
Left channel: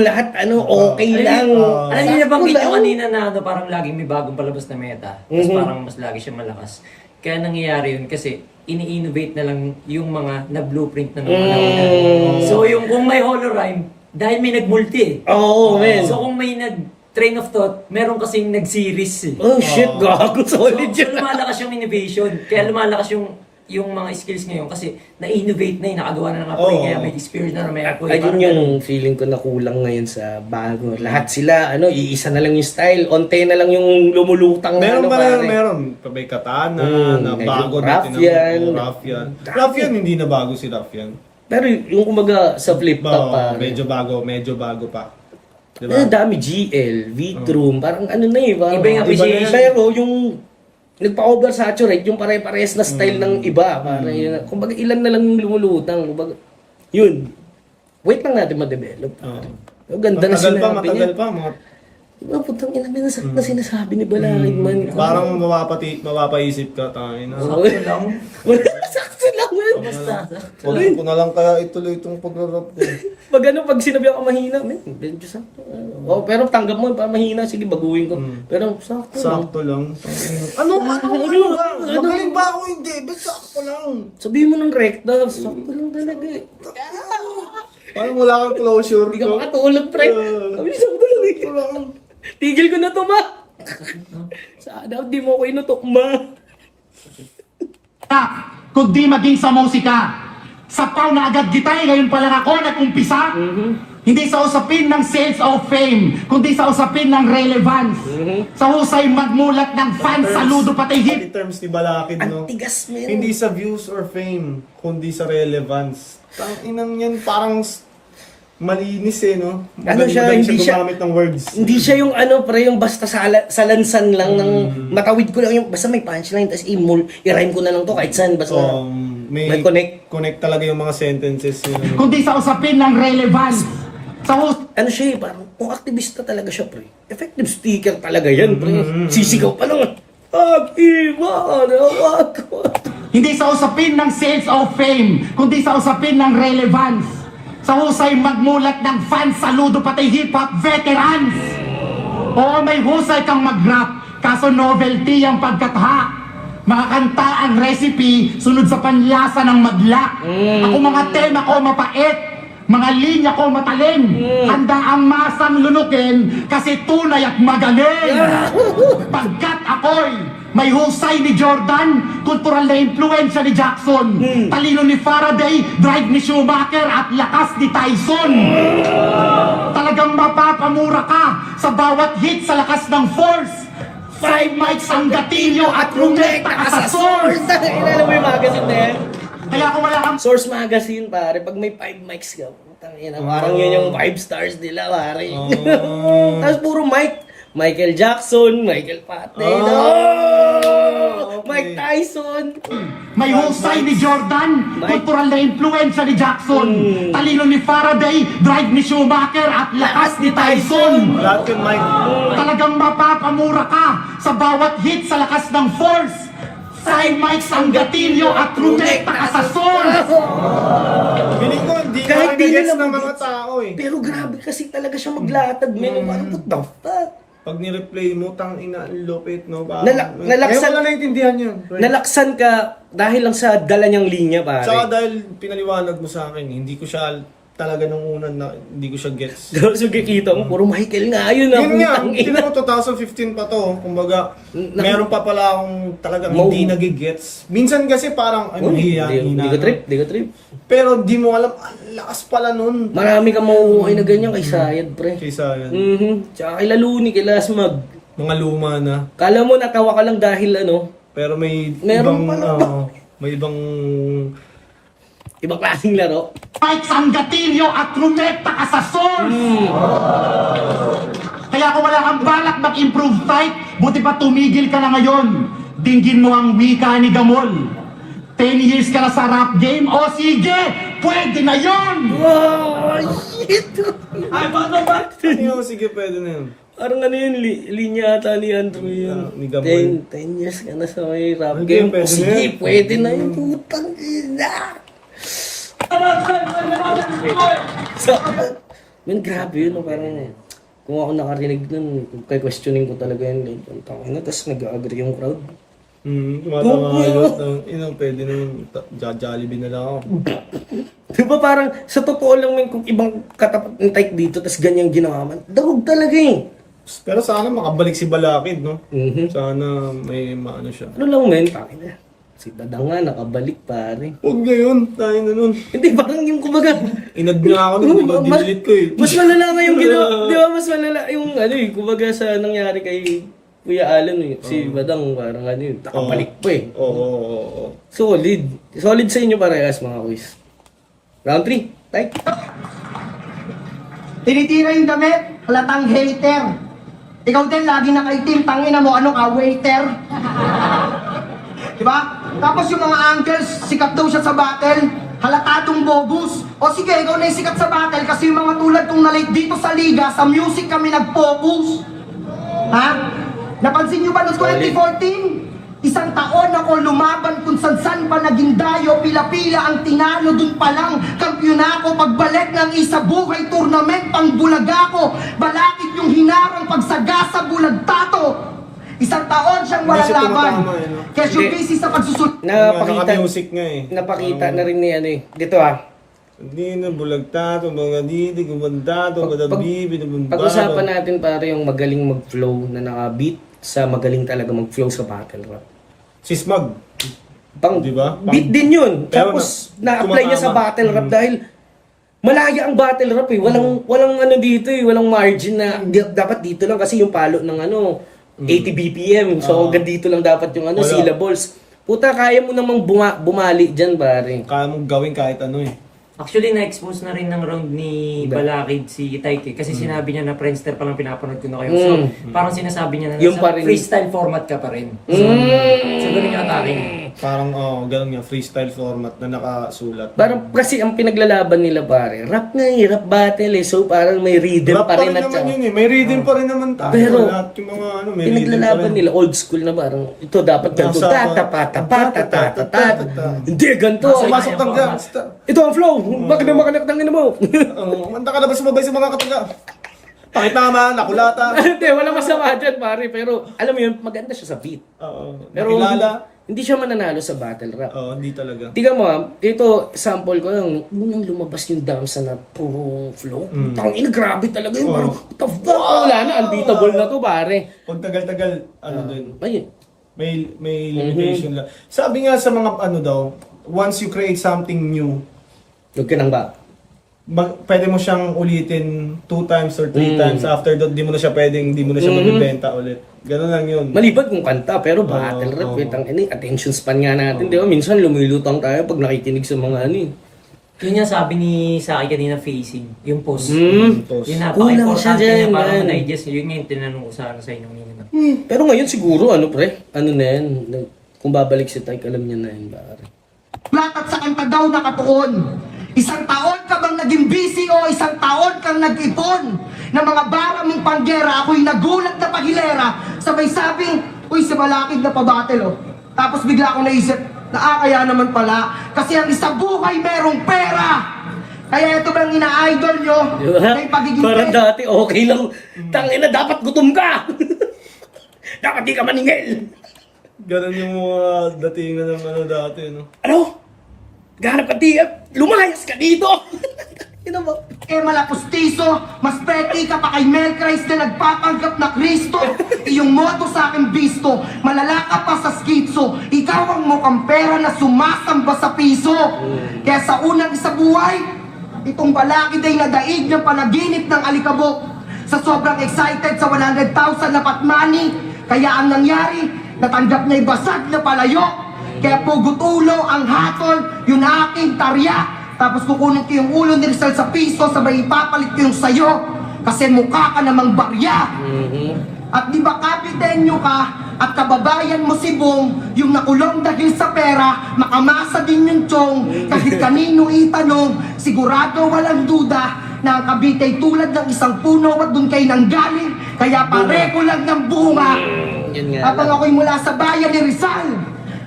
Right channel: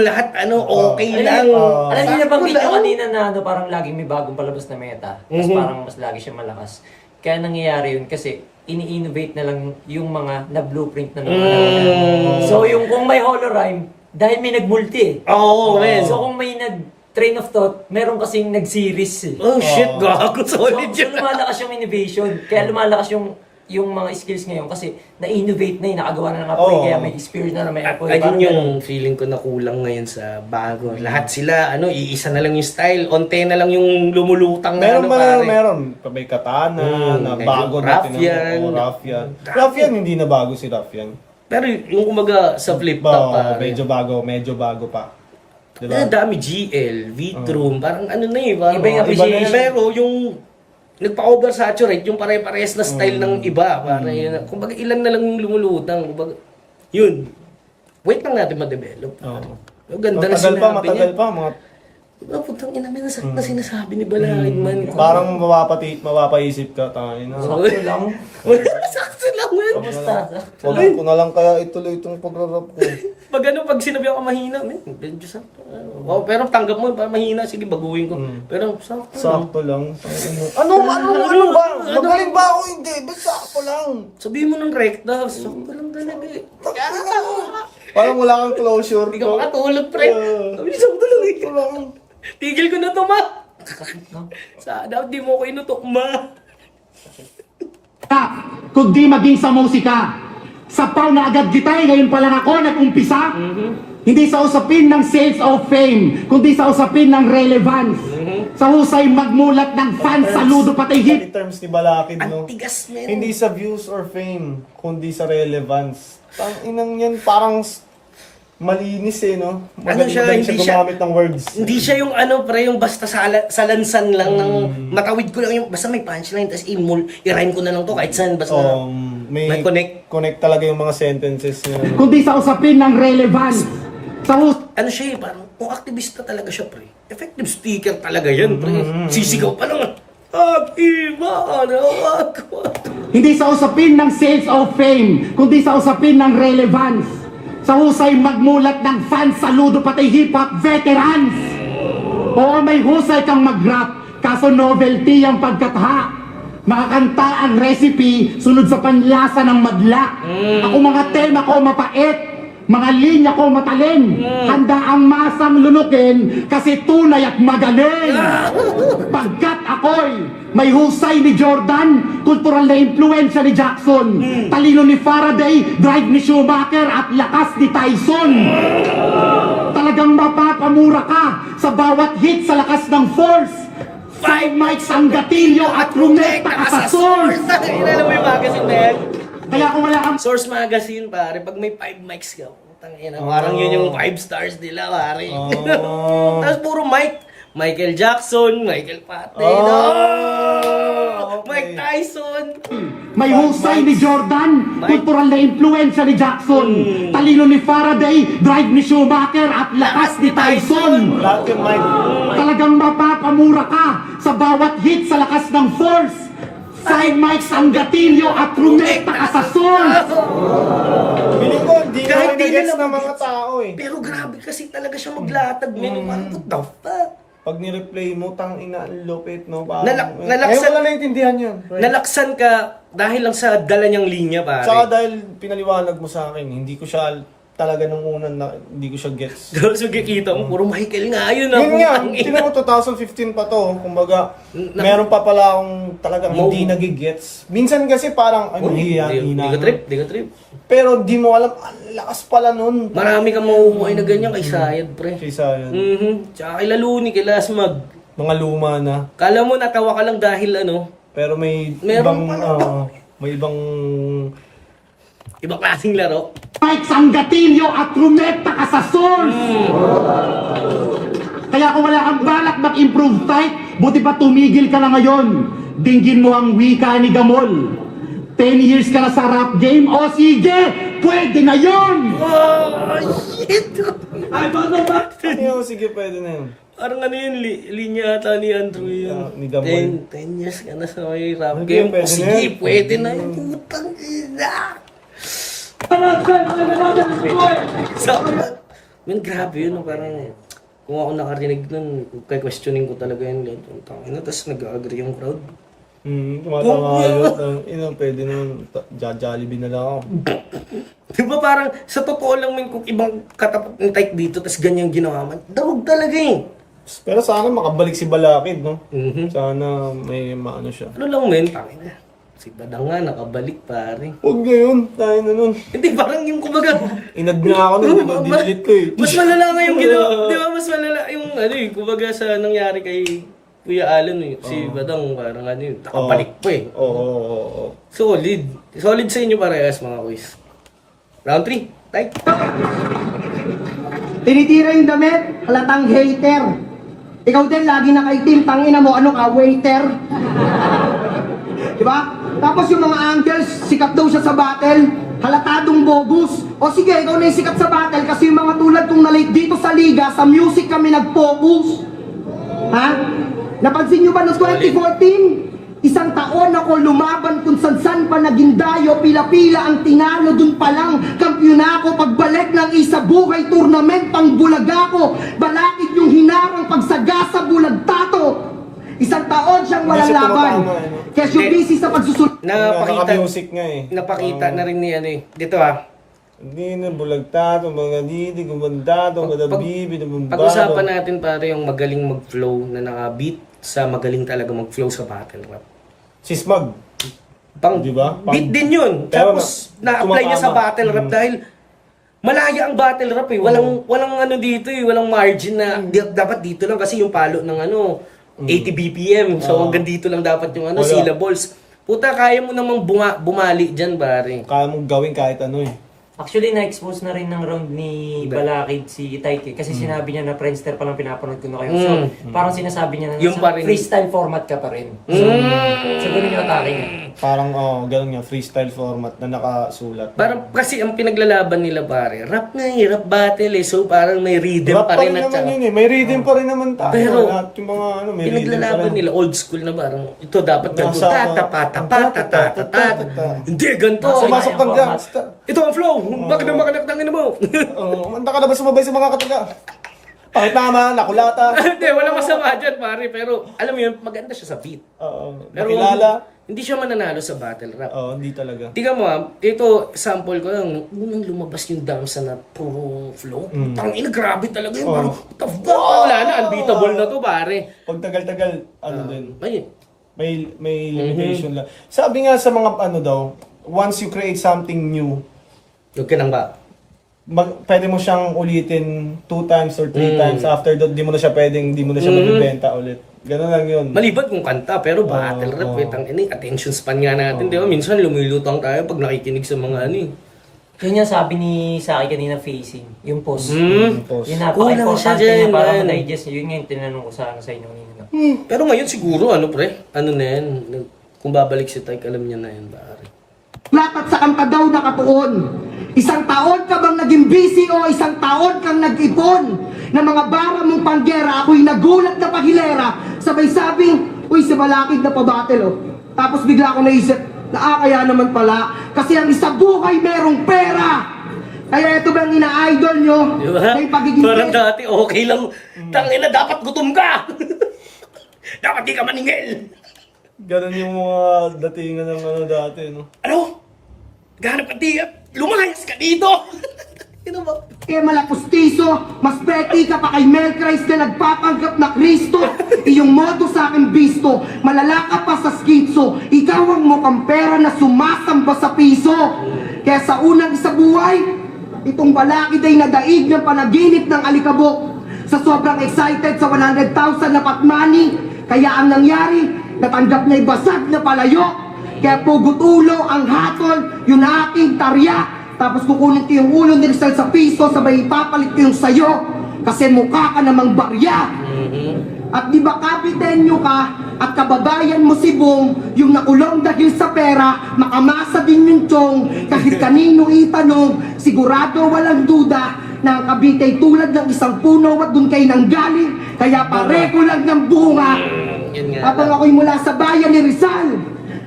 Lahat okay lang. Alam niyo nabanggit nyo kanina na parang laging may bagong palabas na meta. Tapos parang mas lagi siya malakas. Kaya nangyayari yun kasi ini-innovate na lang yung mga na-blueprint na naman. So yung kung may holorime, dahil may nag-multi eh. Oo, man. So kung may nag-train of thought, meron kasing nag-series eh. Oh shit, gago, solid So yun. lumalakas yung innovation. Kaya lumalakas yung mga skills ngayon kasi na-innovate na nakagawa na ng apoy. Kaya may spirit na may apoy. Ayun yung feeling ko na kulang ngayon sa bago. Lahat sila, iisa na lang yung style. Onte na lang yung lumulutang na pare. Meron. May katana, na may bago Raffian. Raffian. Raffian, hindi na bago si Raffian. Pero yung kumbaga sa flip top pa. Medyo bago pa. Diba? Dami GL, V-Troom, parang ano na eh. Parang, Iba yung appreciation. Pero yung nagpa-oversaturate yung pare-parehas na style ng iba. Parang, kumbaga ilan na lang yung lumulutang. Kumbaga, yun. Wait lang natin ma-develop. Pare. Ganda na sinabi niya. Matagal pa. Mga Diba, putang ina, may nasakit na sinasabi ni Balakid man. Parang mapapaisip ka, tangin na. Sakto lang. Sakto lang, man. Huwag ko na lang kaya ituloy itong pagrarap ko. Pag sinabi ako mahina, man, medyo sakto. Oh, pero tanggap mo, pa mahina, sige, baguhin ko. Pero sakto lang. Sakto lang. Ano ba? Magaling ba ako? Hindi, ba't sakto lang? Sabihin mo ng rekta, sakto lang talaga eh. Parang wala kang closure. Hindi ka makatulog, pre. Sabi, sakto lang eh. Sakto lang. Tigil ko na to, ma. Sana, di mo ko inutok, ma. Kundi maging sa musika. Sapaw na agad kita ngayon pa lang ako nag-umpisa. Hindi sa usapin ng sales of fame, kundi sa usapin ng relevance. Sa husay magmulat ng fans, saludo pati hit. In terms ni Balakid, no? Tigas, men. Hindi sa views or fame, kundi sa relevance. Inang yan, parang malinis eh, no? Magaling siya, ba hindi siya- gumamit ng words? Hindi siya yung ano, pre, yung basta salansan lang ng matawid ko lang yung, basta may punchline, tapos i-rhyme ko na lang to kahit saan, basta may connect. Connect talaga yung mga sentences niya. Kundi sa usapin ng relevance. Sa husay Ano siya eh, parang kung aktivista talaga siya, pre. Effective speaker talaga yan, pre. Sisigaw pa lang. Aktiba na ako. Hindi sa usapin ng sales of fame, kundi sa usapin ng relevance. Sa husay magmulat ng fans, saludo pati hip-hop veterans. Oo, may husay kang mag-rap, kaso novelty ang pagkatha. Mga kanta ang recipe, sunod sa panlasa ng magla. Ako mga tema ko mapait, mga linya ko matalin. Handa ang masang lunukin kasi tunay at magaling. Pagkat ako'y may husay ni Jordan, kultural na impluensya ni Jackson, talino ni Faraday, drive ni Schumacher at lakas ni Tyson. Talagang mapapamura ka sa bawat hit sa lakas ng force. 5 mics ang gatilyo at rumekta ka sa source. Alam mo yung magazine na yan? Kaya kung wala kang Source Magazine, pare, pag may 5 mics ka, tangina, parang yun yung 5 stars nila, pare. Tapos puro mic. Michael Jackson, Michael Patey, Mike Tyson. may husay ni Jordan, Mike. kultural na impluensya ni Jackson, talino ni Faraday, drive ni Schumacher at lakas ni Tyson. Lahat yun, Mike. Talagang mapapamura ka sa bawat hit sa lakas ng force. 5 mics ang gatilyo at rumekta ka sa source. Feeling ko, hindi Kahit na di nagets nila ng mga magets. tao eh. Pero grabe kasi talaga siya maglatag, men. Parang what the fuck? Pag ni-replay mo, tang ina, ang lupit, no? Parang, Nalaksan- ayaw ko na naintindihan yan. Nalaksan ka dahil lang sa dala niyang linya, pare. Tsaka dahil pinaliwanag mo sa akin, hindi ko siya talaga nung una, hindi ko siya gets. So, kikita mo, puro Michael nga yun. Yun nga, putang ina. mo 2015 pa to, kumbaga, meron pa pala akong talagang Mau- hindi nagigets. Minsan kasi parang, ano, Uy, hina. di ko trip, di ko trip. Pero di mo alam, ang lakas pala nun. Marami ka mauukay na ganyan kay Sayad, pre. Kaysa yun. Tsaka kay Laluni, kay Lasmag. Mga luma na. Kala mo natawa ka lang dahil ano, Pero may Meron ibang, pala. may ibang, ibang klaseng laro. Mics ang gatilyo at rumekta ka sa source. Kaya kung wala kang balak mag-improve tight, buti pa tumigil ka na ngayon. Dinggin mo ang wika ni Gamol. 10 years ka na sa rap game, o sige, pwede na yon. Oh, shit! sige, pwede na yun. Parang ano yun, linya ata ni Andrew yun. Ni Gabon. 10 years ka na sa may rap Hindi, game. pwede O sige, na yun. pwede na yun. Putang ina! So, man, grabe yun. no, Parang, kung ako nakarinig nun, kay questioning ko talaga yun. Tapos nag-agree yung crowd. Tumatawa ako. Pwede naman, Jollibee na lang ako. Di ba parang, sa totoo lang man, kung ibang katapat ng type dito, tas ganyang ginawa man, dawag talaga eh. Pero sana makabalik si Balakid, no? Mhm. Sana may maano siya. Ano lang men, tangin na. Si Badang nga, nakabalik pare. Huwag ngayon, tayo na nun. Hindi, parang yung kumbaga, Inad na ako nun, dinilit ko eh. mas malala nga yung ginawa, di ba mas malala yung ano eh, kumbaga sa nangyari kay Kuya Alan eh, si Badang parang ano yun, nakabalik pa eh. Oo. Solid. Solid sa inyo parehas mga kuys. Round 3, type. Tinitira yung damit, halatang hater. Ikaw din, lagi nakaitim, tangina mo, ano ka, waiter? Diba? Tapos yung mga angles, sikat daw siya sa battle, halatadong bogus. O sige, ikaw na yung sikat sa battle kasi yung mga tulad kong nalate dito sa liga, sa music kami nag-focus. Napansin nyo ba noong 2014? Isang taon ako lumaban kung san-san pa naging dayo, pila-pila ang tinalo, dun pa lang kampiyon ako. Pagbalik ng isa buhay tournament, pang bulaga ko, balakid yung hinarang pagsagasa bulag tato. Isang taon siyang walang Hindi siya laban. tumatama, eh, no? Kaya siya busy sa pagsusunod. Naka-music nga eh. Napakita na rin ni ano eh. Dito Hindi na bulagtato, mga didi, gumandato, mga bibi, Pag-usapan natin pare yung magaling mag-flow na naka-beat sa magaling talaga mag-flow sa battle rap. Si Smug. Pang, Diba? beat din yun. Pero Tapos na-apply niya sa tumatama. battle rap dahil malaya ang battle rap eh. Walang ano dito eh, walang margin na dapat dito lang kasi yung palo ng ano 80 BPM. So hanggang dito lang dapat yung ano Wala. syllables. Puta, kaya mo namang bumali diyan pare. Kaya mong gawin kahit ano eh. Actually, na-expose na rin ng round ni Balakid si Taike kasi sinabi niya na Friendster pa lang pinapanood ko na kayo. So, parang sinasabi niya na Yung sa pa rin. freestyle format ka pa rin. So, ganun yung atake niya. Parang ganun yung freestyle format na nakasulat. Parang kasi ang pinaglalaban nila pare, rap na eh, rap battle eh. So parang may rhythm Rap pa rin at naman saka- yun eh. May reading pa rin naman tayo. Pero, lahat yung mga ano, may pinaglalaban reading pa rin. nila old school na parang ito dapat ganito Nasa- tatapatapatatatat. Hindi ganito. Sumasok ng gangsta. Ito ang flow. Bakit na makanak ng ina mo? Manda ka na ba sumabay sa mga kataga? Pakitama, nakulata. Hindi, walang masama dyan pare. Pero alam mo yun, maganda siya sa beat. Pero Nakilala. hindi siya mananalo sa battle rap. Oo, hindi talaga. Tingnan mo, dito sample ko lang, unang lumabas yung Damsa na puro flow. Tangina, grabe talaga yun. Parang, what the fuck? Wala na, unbeatable na to, pare. Pag tagal-tagal, ano din, Ayun. may limitation lang. Sabi nga sa mga ano daw, once you create something new, Huwag ka nang ba? pwede mo siyang ulitin 2 times or 3 times. After that, di mo na siya mabibenta ulit. Ganun lang yun. Maliban kung kanta, pero battle rap, ang attention span nga natin, di ba? Minsan lumilutang tayo pag nakikinig sa mga ano eh. Yun yung sabi ni sa akin kanina facing, yung post. Post. Yung Kulang siya napaka-importante dyan, na para man. ma-digest. Yun yung tinanong ko sa inyo kanina. Pero ngayon siguro, ano pre? Ano na yan? Kung babalik si Tyke, alam niya na yan, pare. Latat sa kanta daw nakatuon. Isang taon ka bang naging busy o isang taon kang nag-ipon ng mga bara mong panggera? Ako'y nagulat na pahilera. Sabay sabing, uy, si Balakid na pabattle oh. Tapos bigla akong naisip, kaya naman pala. Kasi ang isa buhay merong pera. Kaya ito bang ina-idol nyo? Di ba? May pagiging Parang dati, okay lang. Tangina, dapat gutom ka! Dapat di ka maningil! Ganun yung mga datingan ng ano dati, no? Ano? Ganap ka tiyak! Lumayas ka dito! Ino ba? Eh malapustiso, mas peti ka pa kay Mel Christ na nagpapanggap na Kristo. Iyong modo sa akin bisto, malala ka pa sa skitso. Ikaw ang mukhang pera na sumasamba sa piso. Kaya sa unang isa buhay, itong Balakid ay nadaig ng panaginip ng alikabok. Sa sobrang excited sa 100,000 na patmani, kaya ang nangyari, natanggap niya'y basag na palayo. Kaya pugot ulo ang hatol, yun aking tarya. Tapos kukunin ko yung ulo ni Rizal sa piso, sabay ipapalit ko yung sayo. Kasi mukha ka namang barya. At di ba kapitenyo ka at kababayan mo si Bong, yung nakulong dahil sa pera, makamasa din yung tiyong. Kahit kanino itanong, sigurado walang duda na ang Cavite ay tulad ng isang puno at doon kayo nanggaling. Kaya pareho lang ng bunga. Yan nga At lang. ako'y mula sa bayan ni Rizal.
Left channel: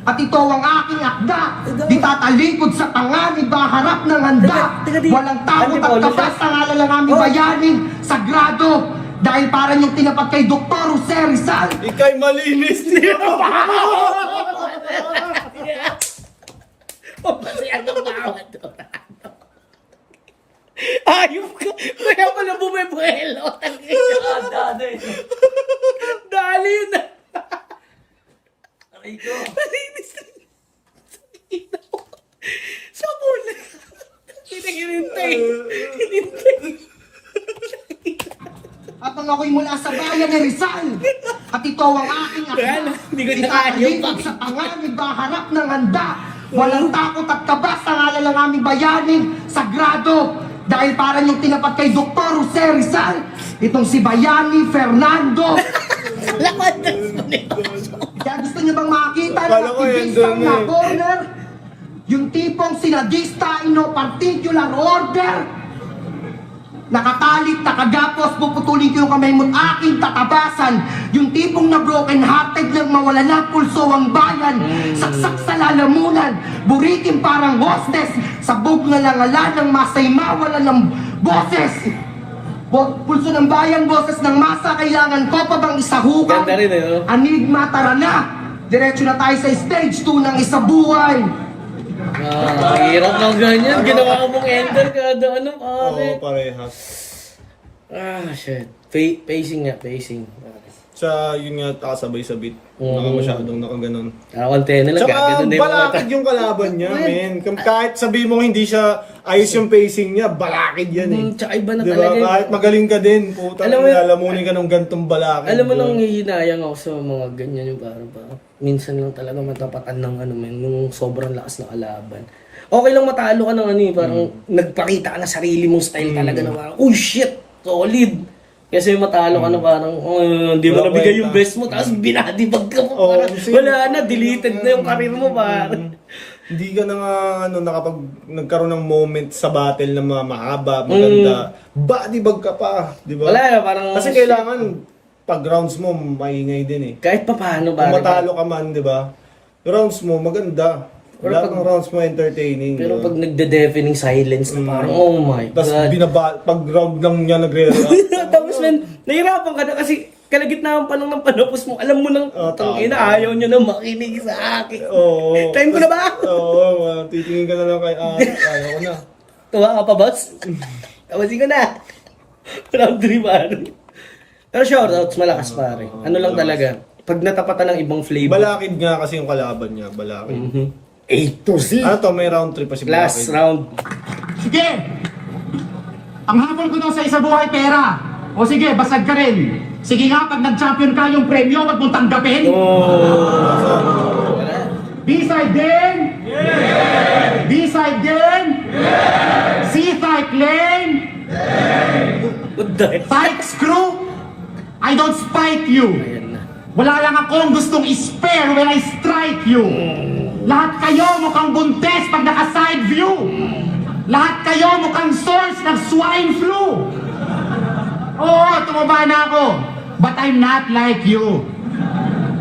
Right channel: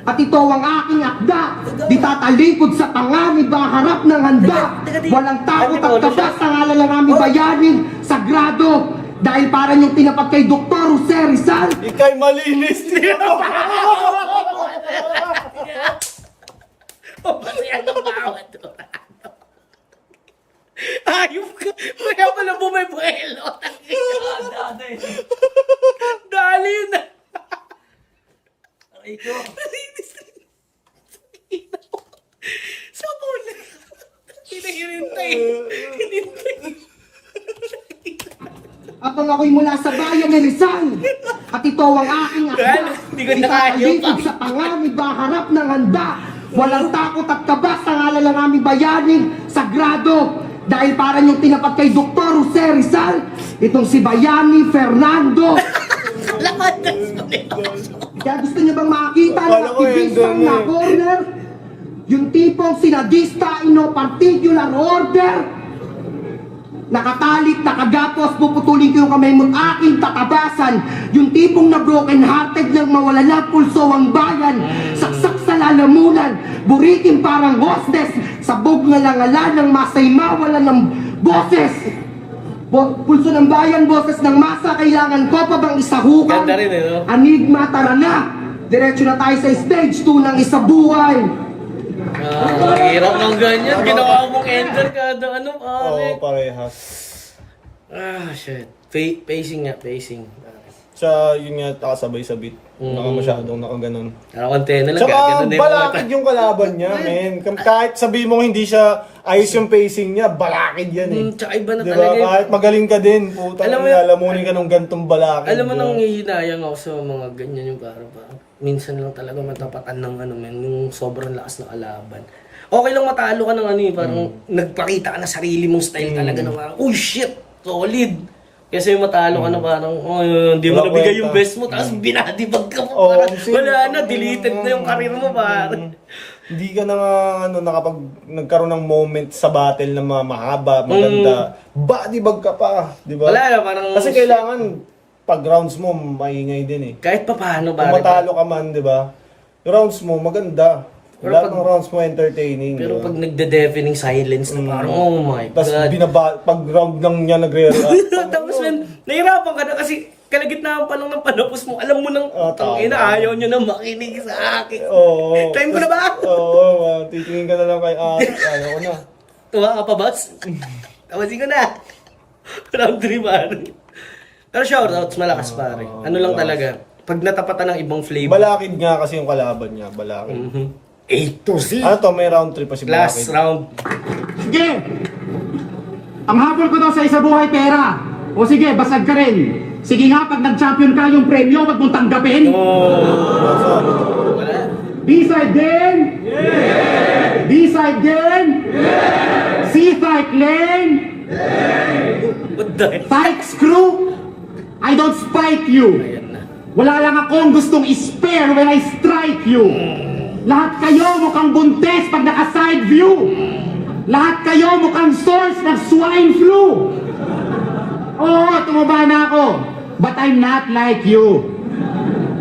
At ito ang aking akda. Di tatalikod sa panganib, harap ng handa. Teka, di- Walang takot Ano, at kabas ng ngalan ng aming bayanin. Sagrado. Dahil parang yung tinapat kay Dr. Jose Rizal. Ika'y malinis! Masaya ng bawat. Ayop ka! Kaya pala bumibuelo. Dali na! Aray ko. Nalinis na. Sa mula. Hinahintay. At ako'y mula sa bayan ni Rizal. At ito ang aking akda. Hindi ko na kaya Tatalikod pa. sa panganib, harap ng handa. Walang takot at kabas ng ngalan ng aming bayanin. Sagrado. Dahil parang yung tinapat kay Dr. Jose Rizal. Itong si Bayani Fernando. Kaya gusto niyo bang makita ng Akala ko yun aktivista doon na eh. corner? Yung tipong sinadista in no particular order. Nakatalit, nakagapos, puputulin ko yung kamay mo't aking tatabasan. Yung tipong broken hearted lang mawala na pulso ang bayan. Saksak sa lalamunan, buritin parang hostess. Sabog na lang ala ng masay mawala ng boses. Pulso ng bayan, boses ng masa, kailangan ko pa bang isahugan? Ganda rin no? Anigma, tara na! Diretso na tayo sa stage 2 ng isa buhay. Hirap ng ganyan. Ginawa mong ender kada ano, Oo, pare. parehas. Shit. Pacing nga, pacing. Sa yun nga, kasabay sa beat. Masyadong nakaganon. Antena lang, Tsaka gaganda din mga balakid yung kalaban niya, men. Kahit sabihin mong hindi siya ayos yung pacing niya, balakid yan eh. Tsaka iba na Diba? talaga. Kahit magaling ka din, putang Alam mo yun- lalamunin ka ng gantong balakid. Alam mo diba? nang hihinayang ako sa mga ganyan yung parang minsan lang talaga matapatan ng ano men, yung sobrang lakas ng kalaban. Okay lang matalo ka ng ano eh, parang nagpakita ka na sarili mong style talaga na parang, oh shit, solid. Kasi matalo ka na parang, hindi mo Wala nabigay kwenta. yung best mo, tapos binadibag ka mo. Oo, Parang, kasi- wala na, deleted na yung career mo parang. Hindi ka na nakapag nagkaroon ng moment sa battle na mahaba, maganda. Badibag ka pa, di ba? Wala na, parang, Kasi kailangan pag rounds mo maingay din eh. kahit pa paano Kung ba. matalo ka man, di ba? Yung rounds mo maganda. Pero Lahat pag- ng rounds mo entertaining. Pero di ba? pag nagde-deafening silence na parang, oh my Tapos God. pag round lang niya nagre-react. Tapos man, nahirapan ka na kasi kalagitnaan pa lang ng panapos mo. Alam mo nang, tama. ayaw nyo na makinig sa akin. Oo. Time ko na ba? Oo, titingin ka na lang kay ayaw ko na. Tuwa ka pa, boss? Tawasin ko na. Round 3, pare. Pero shoutouts, malakas, pare. Ano lang talaga, pag natapatan ng ibang flavor. Balakid nga kasi yung kalaban niya, balakid. 8 to 0. Ano to, may round 3 pa si Last Balakid. round. Sige! Ang habol ko daw sa isa buhay pera. O sige, basag ka rin. Sige nga, pag nag-champion ka yung premyo, wag mong tanggapin. Wala. B-side din? Yeah! B-side din? Yeah! C-fight lane? What the heck? Spike screw? I don't spike you. Ayan na. Wala lang akong gustong spare when I strike you. Lahat kayo mukhang buntes pag naka-side view. Lahat kayo mukhang source ng swine flu. Oo, tumaba na ako. But I'm not like you.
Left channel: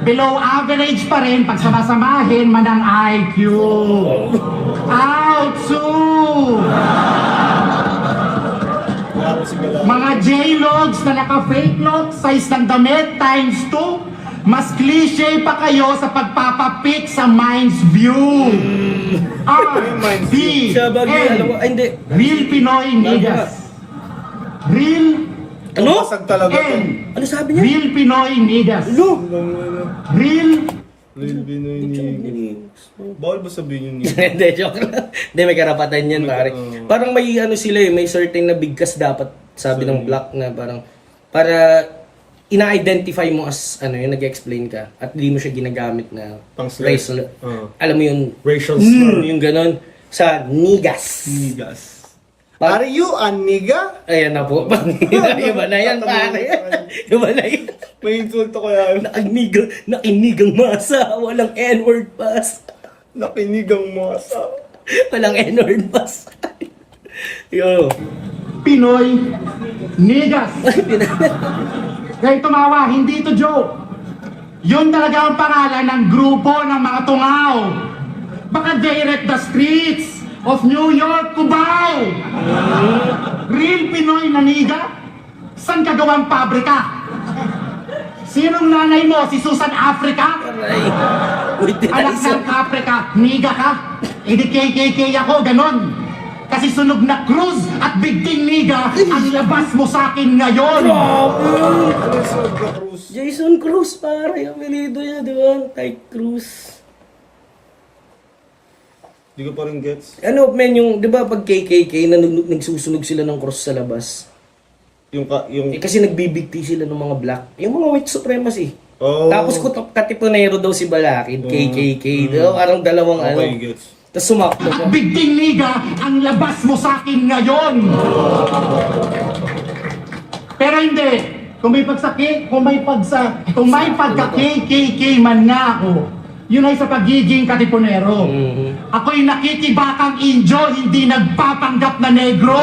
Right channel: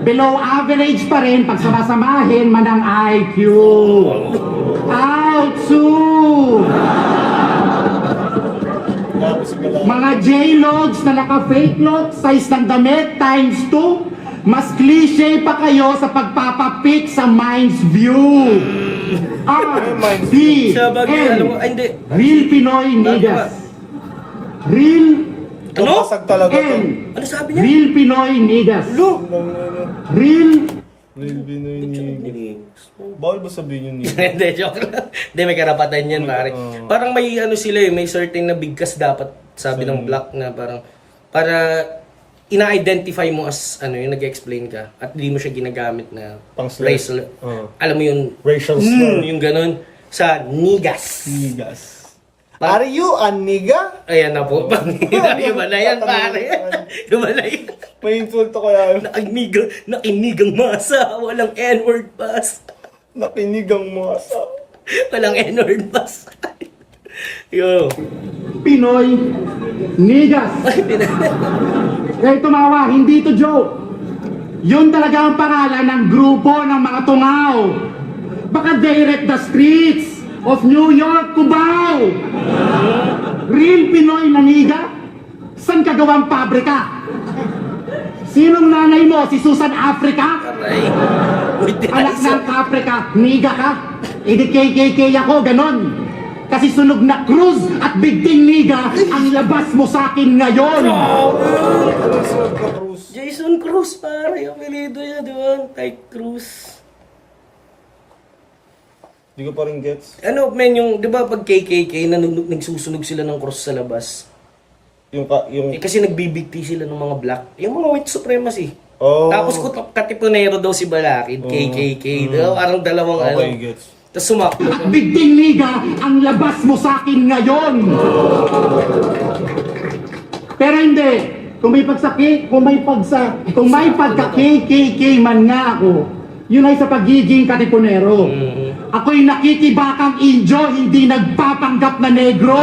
Below average pa rin pag samasamahin man ang IQ. Outsu! Mga J-Logs na naka-fake lock, size ng damit times 2. Mas cliche pa kayo sa pagpapapik sa mind's view. R-D-N. Sa bagay, alam mo, ay hindi. Real Pinoy niggas. Real Ano? Basag talaga to. N. Ano sabi niya? Real Pinoy niggas. Lo! Real Bawal ba sabihin yun? Hindi, joke lang. Hindi, may karapatan yan, pare. Parang may ano sila eh, may certain na bigkas dapat, sabi ng black na parang, para ina-identify mo as, ano yung nag-explain ka, at di mo siya ginagamit na Pang slur. racial, Oo. alam mo yung, Racial slur. yung ganon, sa niggas. Niggas. Are you a nigga? Ayan na po, iba na yan, pare. Iba na yan. May insulto ko yan. Nakinigang masa, walang N-word pass. Nakinigang mo asa. Walang N-word pass. Yo. Pinoy niggas. Kaya tumawa, hindi to joke. Yun talaga ang pangalan ng grupo ng mga tungaw. Baka they wreck the streets of New York, Cubao. Real Pinoy na niga? San ka gawang pabrika? Sinong nanay mo? Si Susan Africa? Aray. Wait, did I Anak say? ng Africa, niga ka? E di KKK ako, ganon. Kasi sunog na Cruz at bigting niga ang labas mo sa akin ngayon. Jason Cruz, pare. Yung apelido niya, di ba? Ty Cruz. Hindi ko pa rin gets. Ano, men, yung, di ba pag KKK, nagsusunog sila ng cross sa labas? Yung Eh, kasi nagbibigti sila ng mga black. Yung mga white supremacy. Oh. Tapos katipunero daw si Balakid, KKK. Di ba? Parang dalawang ano. Okay, gets. Tapos sumaklo pa. Bigting niga ang labas mo sa akin ngayon. Pero hindi. Kung may pagka-KKK man nga ako, yun ay sa pagiging katipunero. Ako'y nakikibakang Indio, hindi nagpapanggap na negro.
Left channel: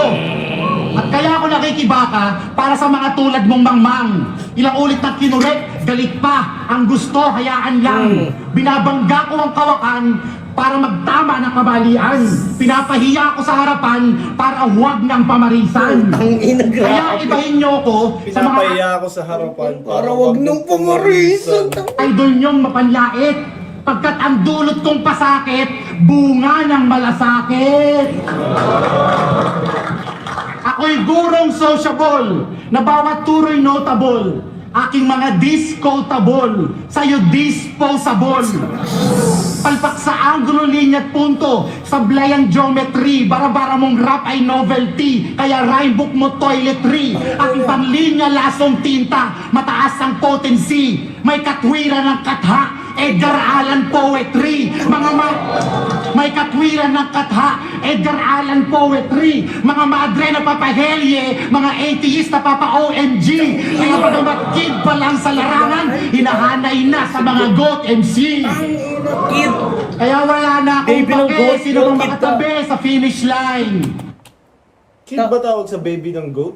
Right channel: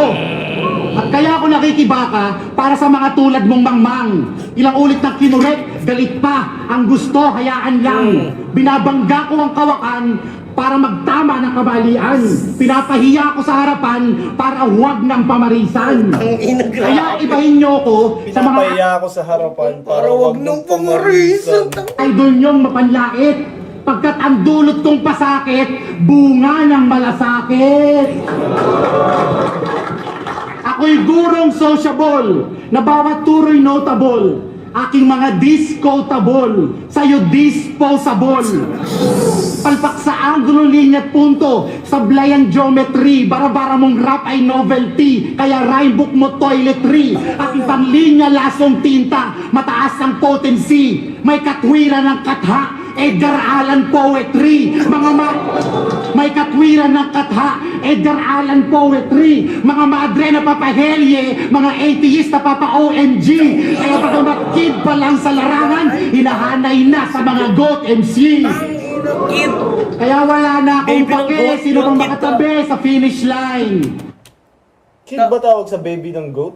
At Kaya ako nakikibaka para sa mga tulad mong mangmang. Ilang ulit na kinulit, galit pa. Ang gusto, hayaan lang. Binabangga ko ang kawakan para magtama ng kabalian. Pinapahiya ko sa harapan para huwag ng pamarisan. Ang ina, Kaya grabe. ibahin niyo ko sa mga Pinapahiya ako sa harapan Para wag nang pumarisan. idol niyong mapanlait. Pagkat ang dulot kong pasakit, bunga ng malasakit. Ako'y gurong sociable, na bawat turo'y notable. Aking mga discotable, sa'yo disposable. Palpak sa angulo, linya at punto, sablay ang geometry. Bara-bara mong rap ay novelty, kaya rhymebook mo toiletry. Aking panglinya lasong tinta, mataas ang potency. May katwiran ng katha, Edgar Allan poetry. May katwiran ng katha, Edgar Allan poetry. Mga madre na papahelye, mga atheist na papa-OMG. Kaya pag kid pa lang sa larangan, hinahanay na sa mga GOAT MC. Kid. Kaya wala na akong Baby ng pake, goat, sino goat bang kid makatabi sa finish line. Kid ba tawag sa baby ng goat?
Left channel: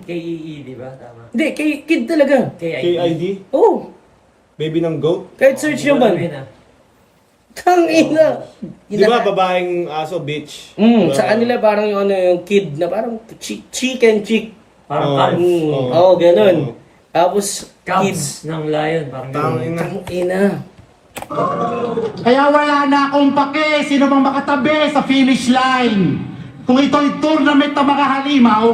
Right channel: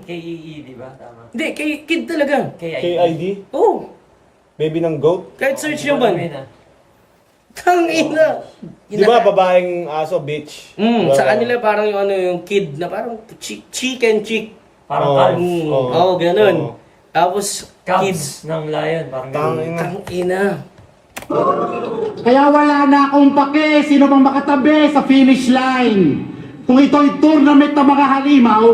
KEE, di ba? Tama. Hindi, kid talaga. KID? Oh, Baby ng goat? kahit search nyo man. Tang ina. Di ba babaeng aso, bitch? Diba? Sa kanila parang yung ano yung kid na parang chicken chick. Parang Oo. calf. Oo, ganun. Oo. Tapos Cubs ng lion. Parang ganun. Tang Tang ina. Kaya wala na akong pake, sino bang makatabi sa finish line. Kung ito'y tournament ng mga halimaw,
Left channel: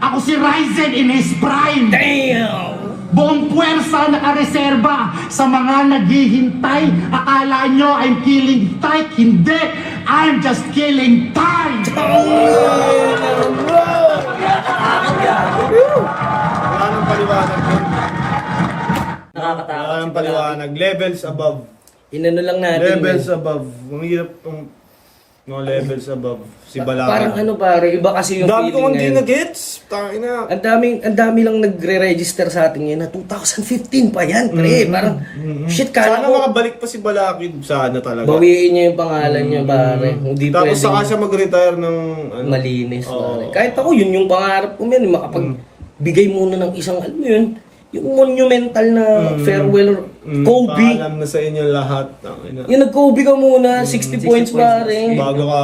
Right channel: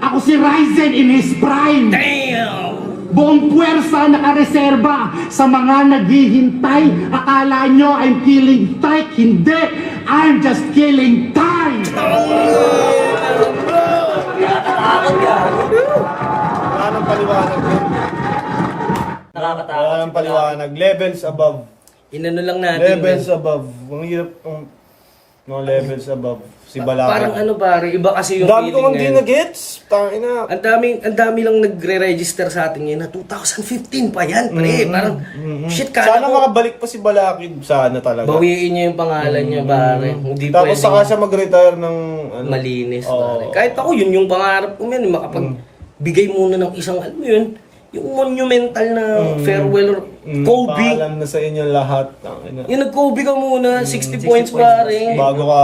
ako si Ryzen in his prime. Damn! Buong puwersa nakareserba sa mga naghihintay. Akala nyo I'm killing strike? Hindi! I'm just killing time! Wala nang paliwanag yun. Nakakatakot. Wala nang paliwanag. Levels above. Inano lang natin. Levels man. above. Ang hirap. No levels above. Si Balaka. Parang ano pare, iba kasi yung Dami ko feeling hindi ngayon. na-gets. Tangina. Ang dami lang nagre-register sa atin ngayon na 2015 pa yan, pre. Parang, shit, Sana kala ko, makabalik pa si Balakid. Sana talaga. bawiin niya yung pangalan niya, pare. Hindi Tapos pwedeng saka siya mag-retire ng... ano, malinis, Oo. pare. Kahit ako, yun yung pangarap ko, man. Makapagbigay muna ng isang, alam mo yun, yung monumental na farewell, Kobe. Paalam na sa inyo lahat. Tangina. Yung nag-Kobe ka muna, 60 points, pare. Bago ka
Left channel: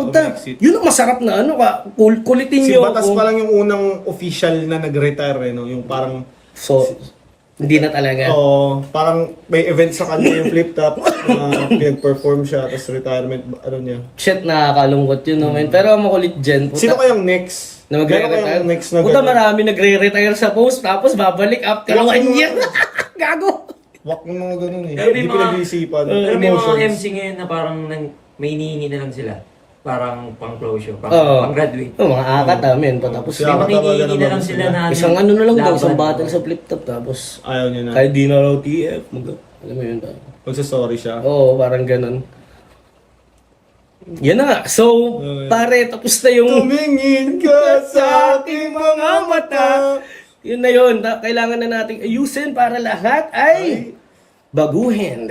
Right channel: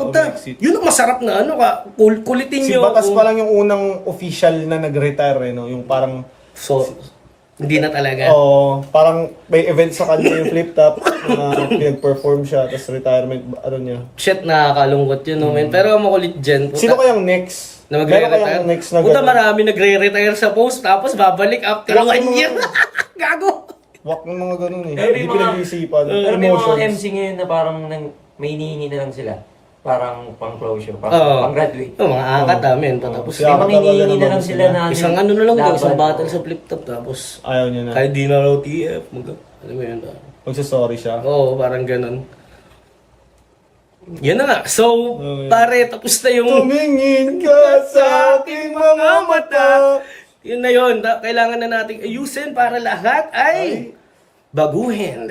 Puta, umexit. yun ang masarap na ano ka, kulitin Si nyo. Batas pa lang yung unang official na nag-retire, no? Yung parang... So, hindi na talaga. Oo, parang may event sa kanya yung flip top na pinag-perform siya, tapos retirement, ano niya. Shit, nakakalungkot yun, no, man. Pero ang makulit dyan, puta, Sino kayang next? na Meron magre-retire. kayang next na Puta, gano'n? marami nagre-retire sa post, tapos babalik after 1 year. Gago. Wak ng mga ganun eh. Pero may Hindi mga- pinag-iisipan. Pero may mga Emotions. MC ngayon na parang may hinihingi na lang sila. Parang pang-closure, Oo. pang-graduate. Oh, mga akat amin. Tapos Siya- May mga hinihingi na lang sila na isang ano na lang daw, isang laban. battle sa flip top. Tapos, Ayaw niya na. kahit di na raw TF, alam mo yun. Magsasorry siya. Oo, parang ganun. Yan na nga. So, pare, tapos na yung... Tumingin ka sa aking mga mata. Yun na yun. Kailangan na nating ayusin para lahat ay baguhin.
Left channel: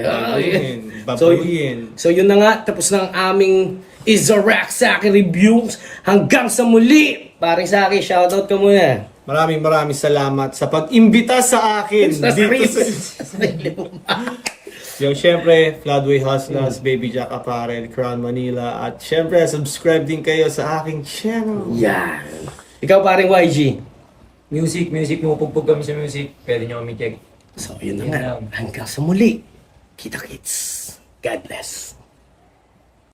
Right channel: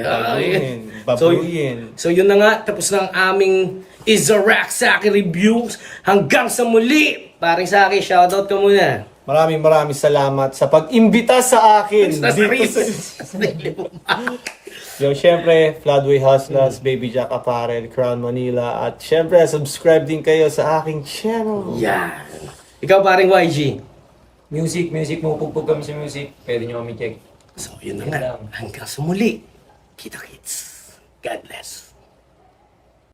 Babuyin. So yun na nga. Tapos na ang aming Izarack sa akin reviews. Hanggang sa muli. Paring sa akin, shoutout ka muna. Maraming salamat sa pag-imbita sa akin. Sa dito sarili mo. Yung syempre, Floodway Hustlers, Baby Jack Apparel, Crown Manila. At syempre, subscribe din kayo sa aking channel. Yan. Ikaw paring YG. Music, pupugpog kami sa music. Pwede nyo kami check. So yun na Yun nga. lang. Hanggang sa muli. Kita kits. God bless.